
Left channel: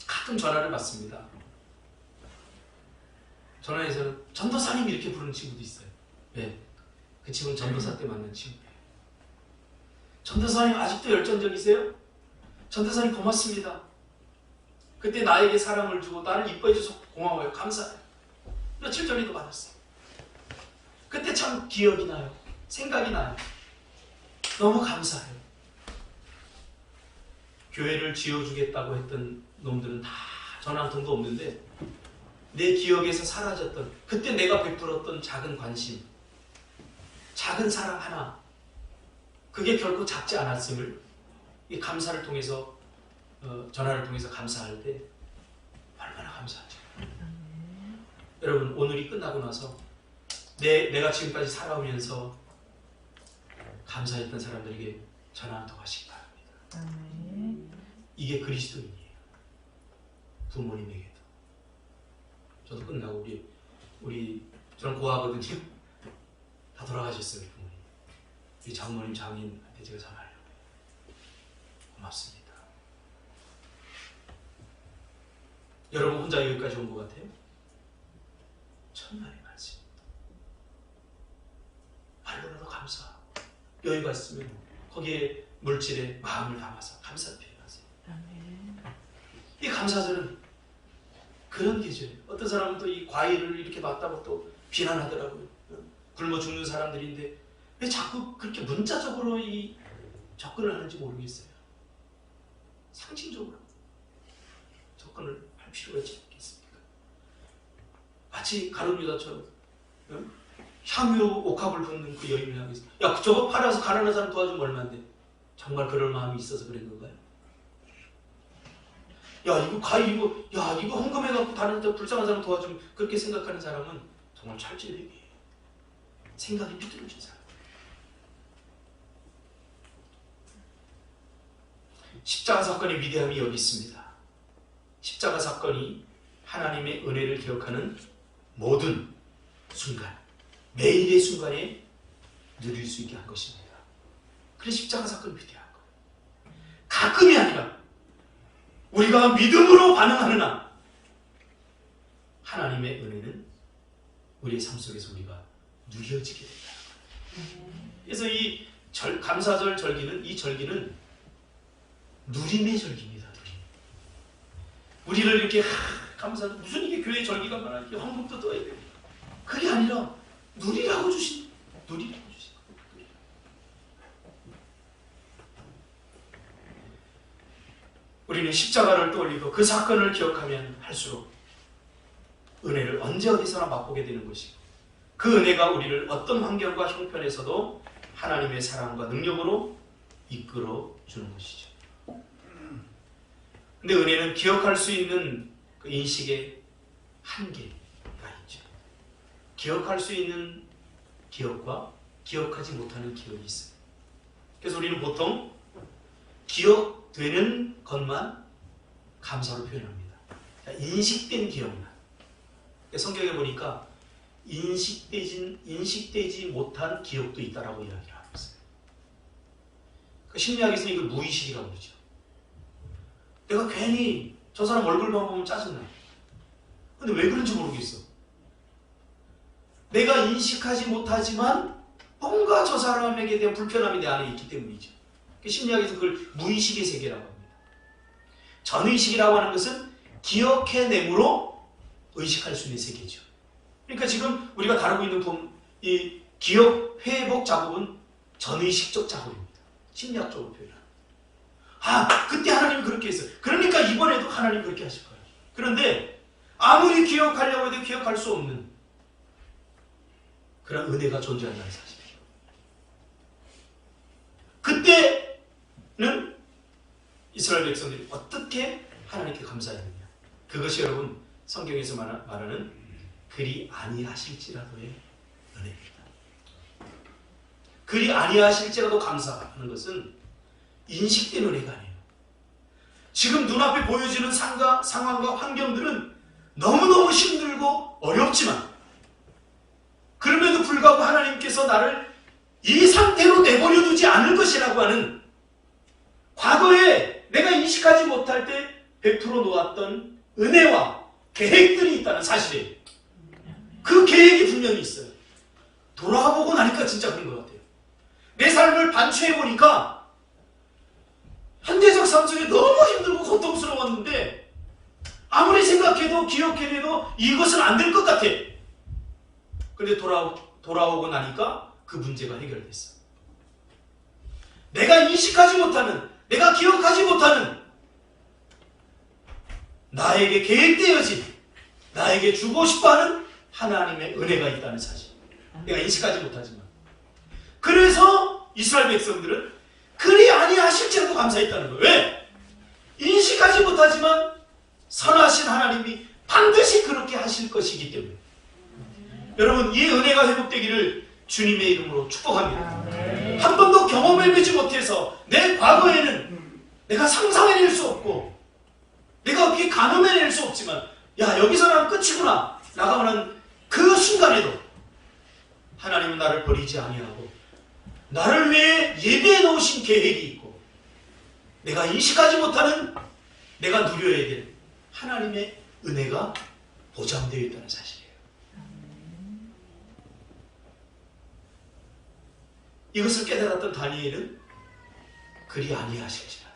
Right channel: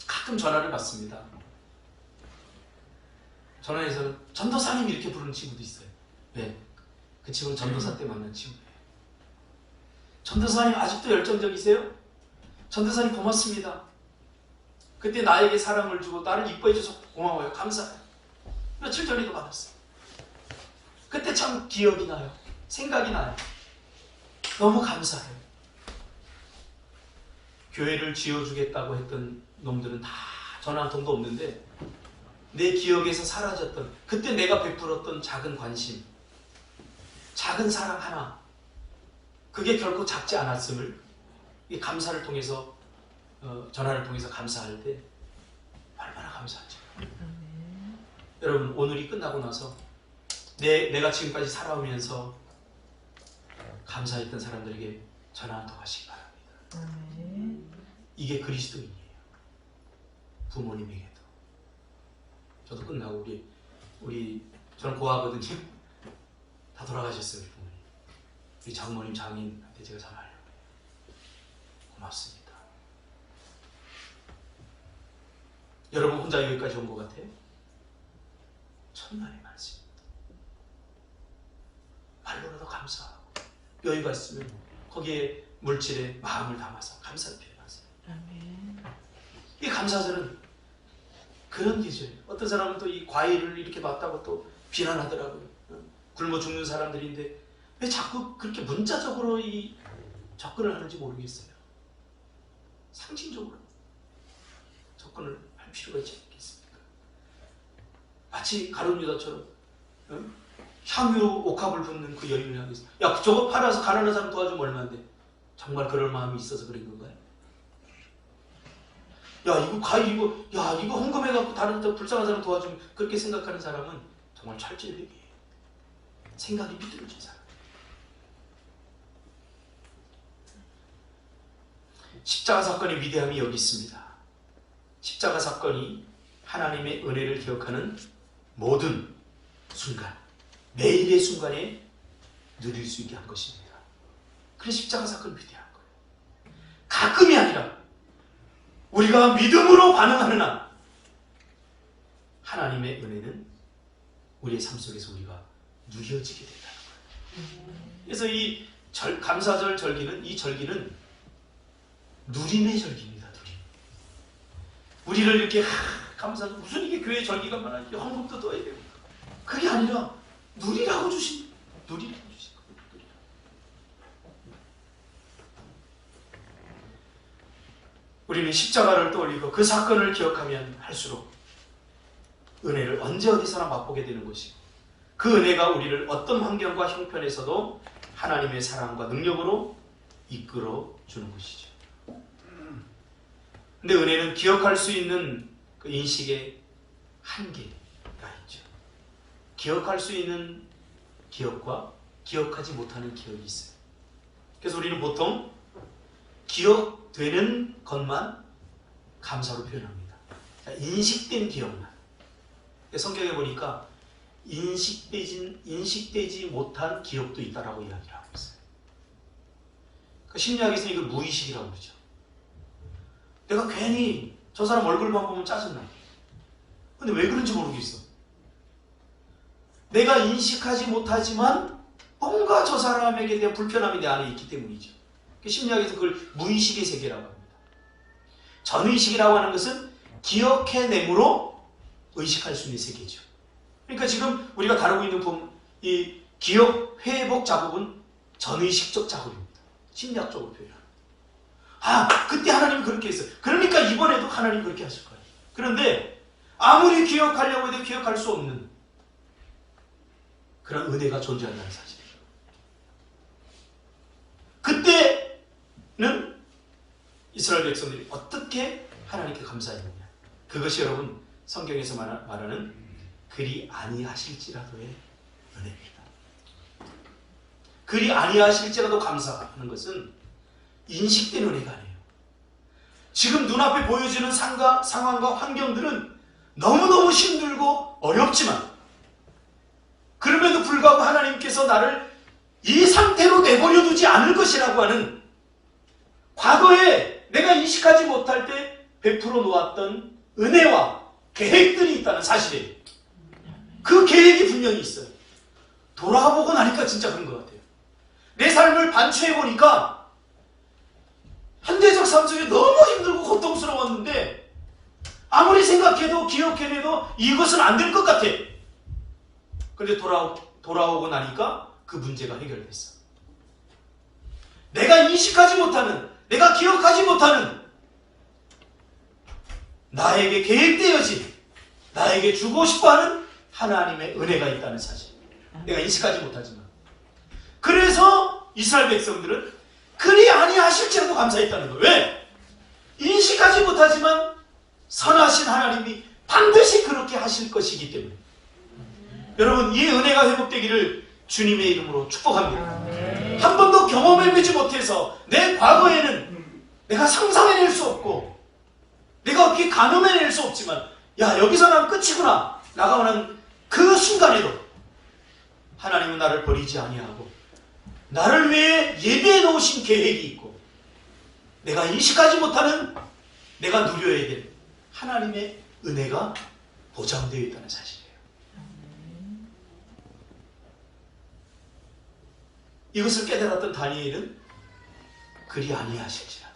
가끔 전화를 받습니다. 전화해서는 전도사님 이렇게 부르는 친구도 있어요. 왜? 그 친구는 전도사 때 만난 친구예요. 전도사님 아직도 열정적이세요? 전도사님 고맙습니다. 그때 나에게 사랑을 주고 나를 이뻐해 줘서 고마워요. 감사해요. 며칠 전에도 받았어요. 그때 참 기억이 나요. 생각이 나요. 너무 감사해요. 교회를 지어주겠다고 했던 놈들은 다 전화 한 통도 없는데 내 기억에서 사라졌던, 그때 내가 베풀었던 작은 관심, 작은 사랑 하나, 그게 결코 작지 않았음을 이 감사를 통해서, 전화를 통해서 감사할 때 얼마나 감사하죠. 여러분 오늘이 끝나고 나서 내가 지금까지 살아오면서 감사했던 사람들에게 전화 한 통 하시기 바랍니다. 이게 그리스도인이에요. 부모님에게도. 저도 끝나고 저는 고아거든요. 다 돌아가셨어요. 부모님. 우리 장모님, 장인한테 제가 전화하려고 해요. 고맙습니다. 여러분 혼자 여기까지 온 것 같아요? 천만의 말씀입니다. 하루라도 감사하고 여행 갔으면 거기에 물질에 마음을 담아서 감사를 표현하세요. 이 감사절은 그런 계절이에요. 어떤 사람은 또 이 과일을 이렇게 놨다고 또 비난하더라고요. 굶어 죽는 사람들인데 왜 자꾸 그렇게 문자적으로 이 접근을 하는지 모르겠어요. 상징적으로 접근을 할 필요가 있지 않겠습니까? 마치 가룟유다처럼 향유 옥합을 붓는 그 여인을 향해서 야 저거 팔아서 가난한 사람 도와주면 얼마인데 정말 그럴 마음이 있어서 그런 건가요? 야 이거 과일 이거 헌금해갖고 다른 데 불쌍한 사람 도와주면 그렇게 생각하는 사람은 정말 철질백이에요. 생각이 비뚤어진 사람. 십자가 사건의 위대함이 여기 있습니다. 십자가 사건이 하나님의 은혜를 기억하는 모든 순간, 매일의 순간에 누릴 수 있게 한 것입니다. 그래서 십자가 사건이 위대한 거예요. 가끔이 아니라 우리가 믿음으로 반응하는 한 하나님의 은혜는 우리의 삶 속에서 우리가 누려지게 된다는 거예요. 그래서 이 감사절 절기는 이 절기는 누림의 절기입니다. 누림. 우리를 이렇게 감사하고 무슨 이게 교회 절기가 많아 이렇게 헌금도 떠야 돼요. 그게 아니라 누리라고 주신 거예요. 우리는 십자가를 떠올리고 그 사건을 기억하면 할수록 은혜를 언제 어디서나 맛보게 되는 것이고 그 은혜가 우리를 어떤 환경과 형편에서도 하나님의 사랑과 능력으로 이끌어 주는 것이죠. 근데 은혜는 기억할 수 있는 그 인식의 한계가 있죠. 기억할 수 있는 기억과 기억하지 못하는 기억이 있어요. 그래서 우리는 보통 기억되는 것만 감사로 표현합니다. 인식된 기억만. 성경에 보니까 인식되지 못한 기억도 있다라고 이야기를 하고 있어요. 심리학에서는 이걸 무의식이라고 그러죠. 내가 괜히 저 사람 얼굴만 보면 짜증나. 근데 왜 그런지 모르겠어. 내가 인식하지 못하지만 뭔가 저 사람에게 대한 불편함이 내 안에 있기 때문이죠. 심리학에서 그걸 무의식의 세계라고 합니다. 전의식이라고 하는 것은 기억해내므로 의식할 수 있는 세계죠. 그러니까 지금 우리가 다루고 있는 이 기억 회복 작업은 전의식적 작업입니다. 심리학적으로 표현합니다. 그때 하나님이 그렇게 했어요. 그러니까 이번에도 하나님이 그렇게 하실 거예요. 그런데 아무리 기억하려고 해도 기억할 수 없는 그런 은혜가 존재한다는 사실이에요. 그때는 이스라엘 백성들이 어떻게 하나님께 감사했느냐. 그것이 여러분 성경에서 말하는 그리 아니하실지라도의 은혜입니다. 그리 아니하실지라도 감사하는 것은 인식된 은혜가 아니에요. 지금 눈앞에 보여지는 상황과 환경들은 너무너무 힘들고 어렵지만 그럼에도 불구하고 하나님께서 나를 이 상태로 내버려 두지 않을 것이라고 하는 과거에 내가 인식하지 못할 때 베풀어 놓았던 은혜와 계획들이 있다는 사실이에요. 그 계획이 분명히 있어요. 돌아보고 나니까 진짜 그런 것 같아요. 내 삶을 반추해 보니까 현대적 삶 속에 너무 힘들고 고통스러웠는데 아무리 생각해도 기억해내도 이것은 안 될 것 같아. 그런데 돌아오고 나니까 그 문제가 해결됐어. 내가 인식하지 못하는, 내가 기억하지 못하는 나에게 계획되어진, 나에게 주고 싶어하는 하나님의 은혜가 있다는 사실. 내가 인식하지 못하지만. 그래서 이스라엘 백성들은 그리 아니하실지라도 감사했다는 거예요. 왜? 인식하지 못하지만 선하신 하나님이 반드시 그렇게 하실 것이기 때문에. 여러분, 이 은혜가 회복되기를 주님의 이름으로 축복합니다. 한 번도 경험해보지 못해서 내 과거에는 내가 상상해낼 수 없고 내가 어떻게 가늠해낼 수 없지만 여기서 난 끝이구나 나가고는 그 순간에도 하나님은 나를 버리지 아니하고 나를 위해 예비해 놓으신 계획이 있고 내가 인식하지 못하는 내가 누려야 될 하나님의 은혜가 보장되어 있다는 사실이에요. 이것을 깨달았던 다니엘은 그리 아니하실지라.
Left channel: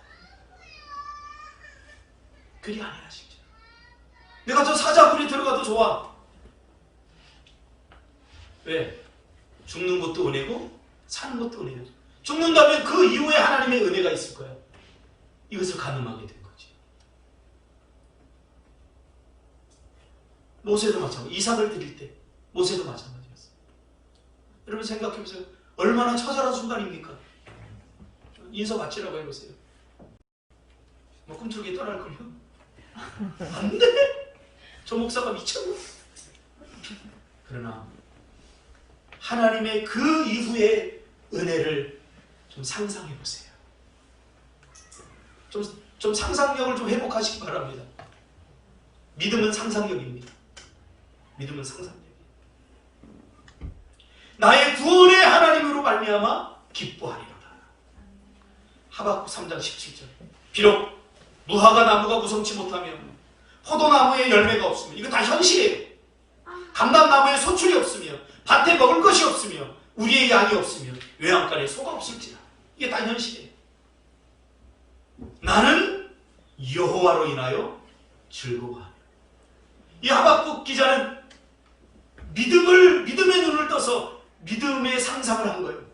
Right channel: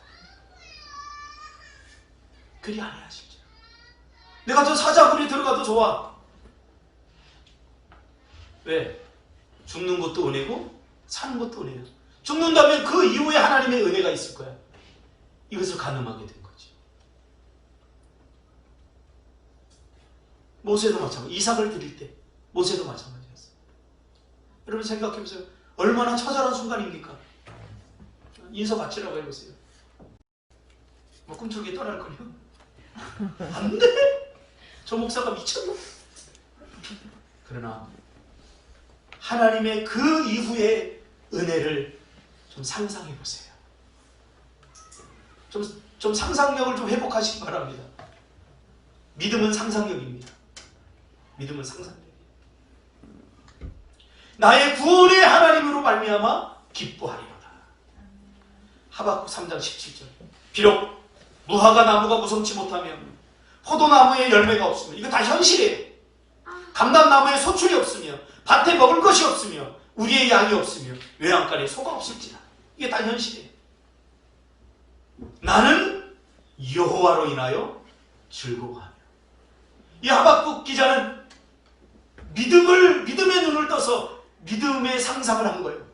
그리 아니하실지라. 내가 저 사자굴에 들어가도 좋아. 왜? 죽는 것도 은혜고 사는 것도 은혜고. 죽는다면 그 이후에 하나님의 은혜가 있을 거야. 이것을 가늠하게 된 거지. 모세도 마찬가지. 이삭을 드릴 때 모세도 마찬가지였어요. 여러분 생각해 보세요. 얼마나 처절한 순간입니까? 인서 바치라고 해보세요. 뭐 꿈속에 떠날 거요? 안 돼! 저 목사가 미쳤나? 그러나 하나님의 그 이후의 은혜를 좀 상상해 보세요. 좀 상상력을 좀 회복하시기 바랍니다. 믿음은 상상력입니다. 믿음은 상상력이에요. 나의 구원의 하나님으로 말미암아 기뻐하리로다. 하박국 3장 17절. 비록 무화과 나무가 무성치 못하며 포도나무에 열매가 없으며, 이거 다 현실이에요. 감람나무에 소출이 없으며 밭에 먹을 것이 없으며 우리의 양이 없으며 외양간에 소가 없을지라. 이게 다 현실이에요. 나는 여호와로 인하여 즐거워하며. 이 하박국 기자는 믿음의 눈을 떠서 믿음의 상상을 한 거예요.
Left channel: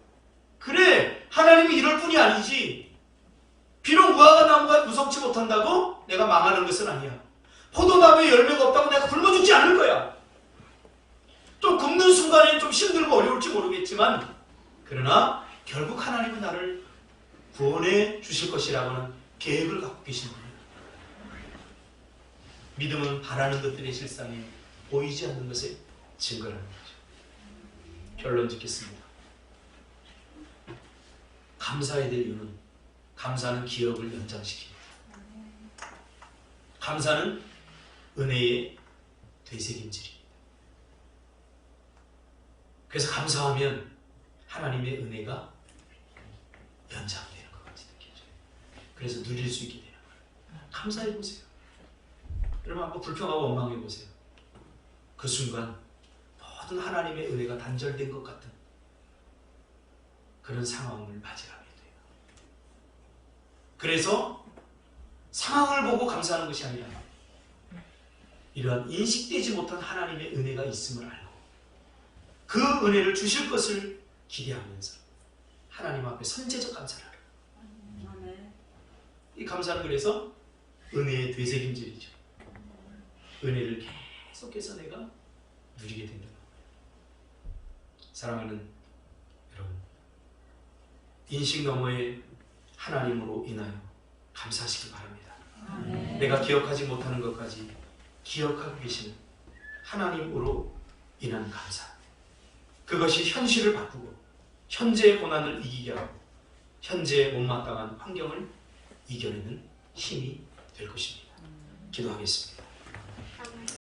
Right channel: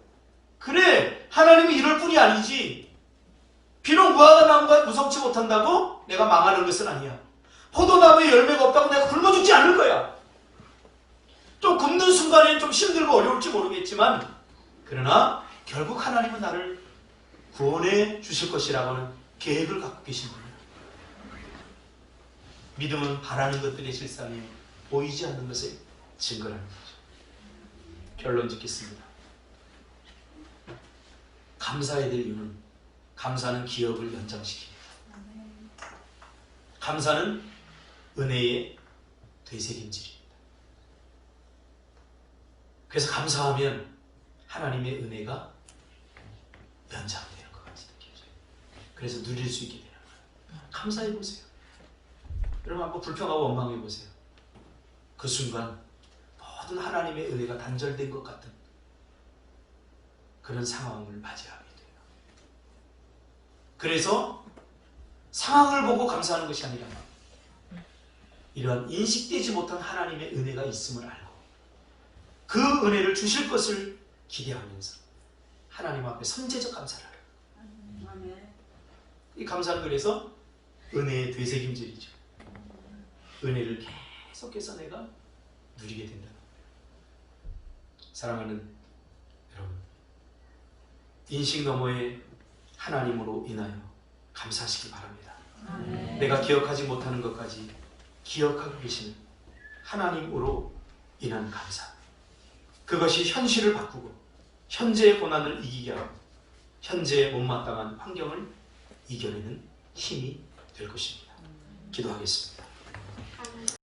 그래, 하나님이 이럴 뿐이 아니지. 비록 무화과 나무가 무성치 못한다고 내가 망하는 것은 아니야. 포도나무에 열매가 없다고 내가 굶어 죽지 않을 거야. 좀 굶는 순간에는 좀 힘들고 어려울지 모르겠지만, 그러나 결국 하나님은 나를 구원해 주실 것이라고는 계획을 갖고 계신 거예요. 믿음은 바라는 것들의 실상이요 보이지 않는 것의 증거라는 거죠. 결론 짓겠습니다. 감사해야 될 이유는, 감사는 기억을 연장시킵니다. 감사는 은혜의 되새김질입니다. 그래서 감사하면 하나님의 은혜가 연장되는 것 같은 느낌이죠. 그래서 누릴 수 있게 되는 거예요. 감사해 보세요. 여러분 한번 불평하고 원망해 보세요. 그 순간 모든 하나님의 은혜가 단절된 것 같은 그런 상황을 맞이하게 돼요. 그래서 상황을 보고 감사하는 것이 아니라 이러한 인식되지 못한 하나님의 은혜가 있음을 알고 그 은혜를 주실 것을 기대하면서 하나님 앞에 선제적 감사를 하라. 이 감사는 그래서 은혜의 되새김질이죠. 은혜를 계속해서 내가 누리게 된다. 사랑하는 여러분, 인식 너머의 하나님으로 인하여 감사하시기 바랍니다. 내가 기억하지 못하는 것까지 기억하고 계시는 하나님으로 인한 감사, 그것이 현실을 바꾸고 현재의 고난을 이기게 하고 현재의 못마땅한 환경을 이겨내는 힘이 될 것입니다. 기도하겠습니다.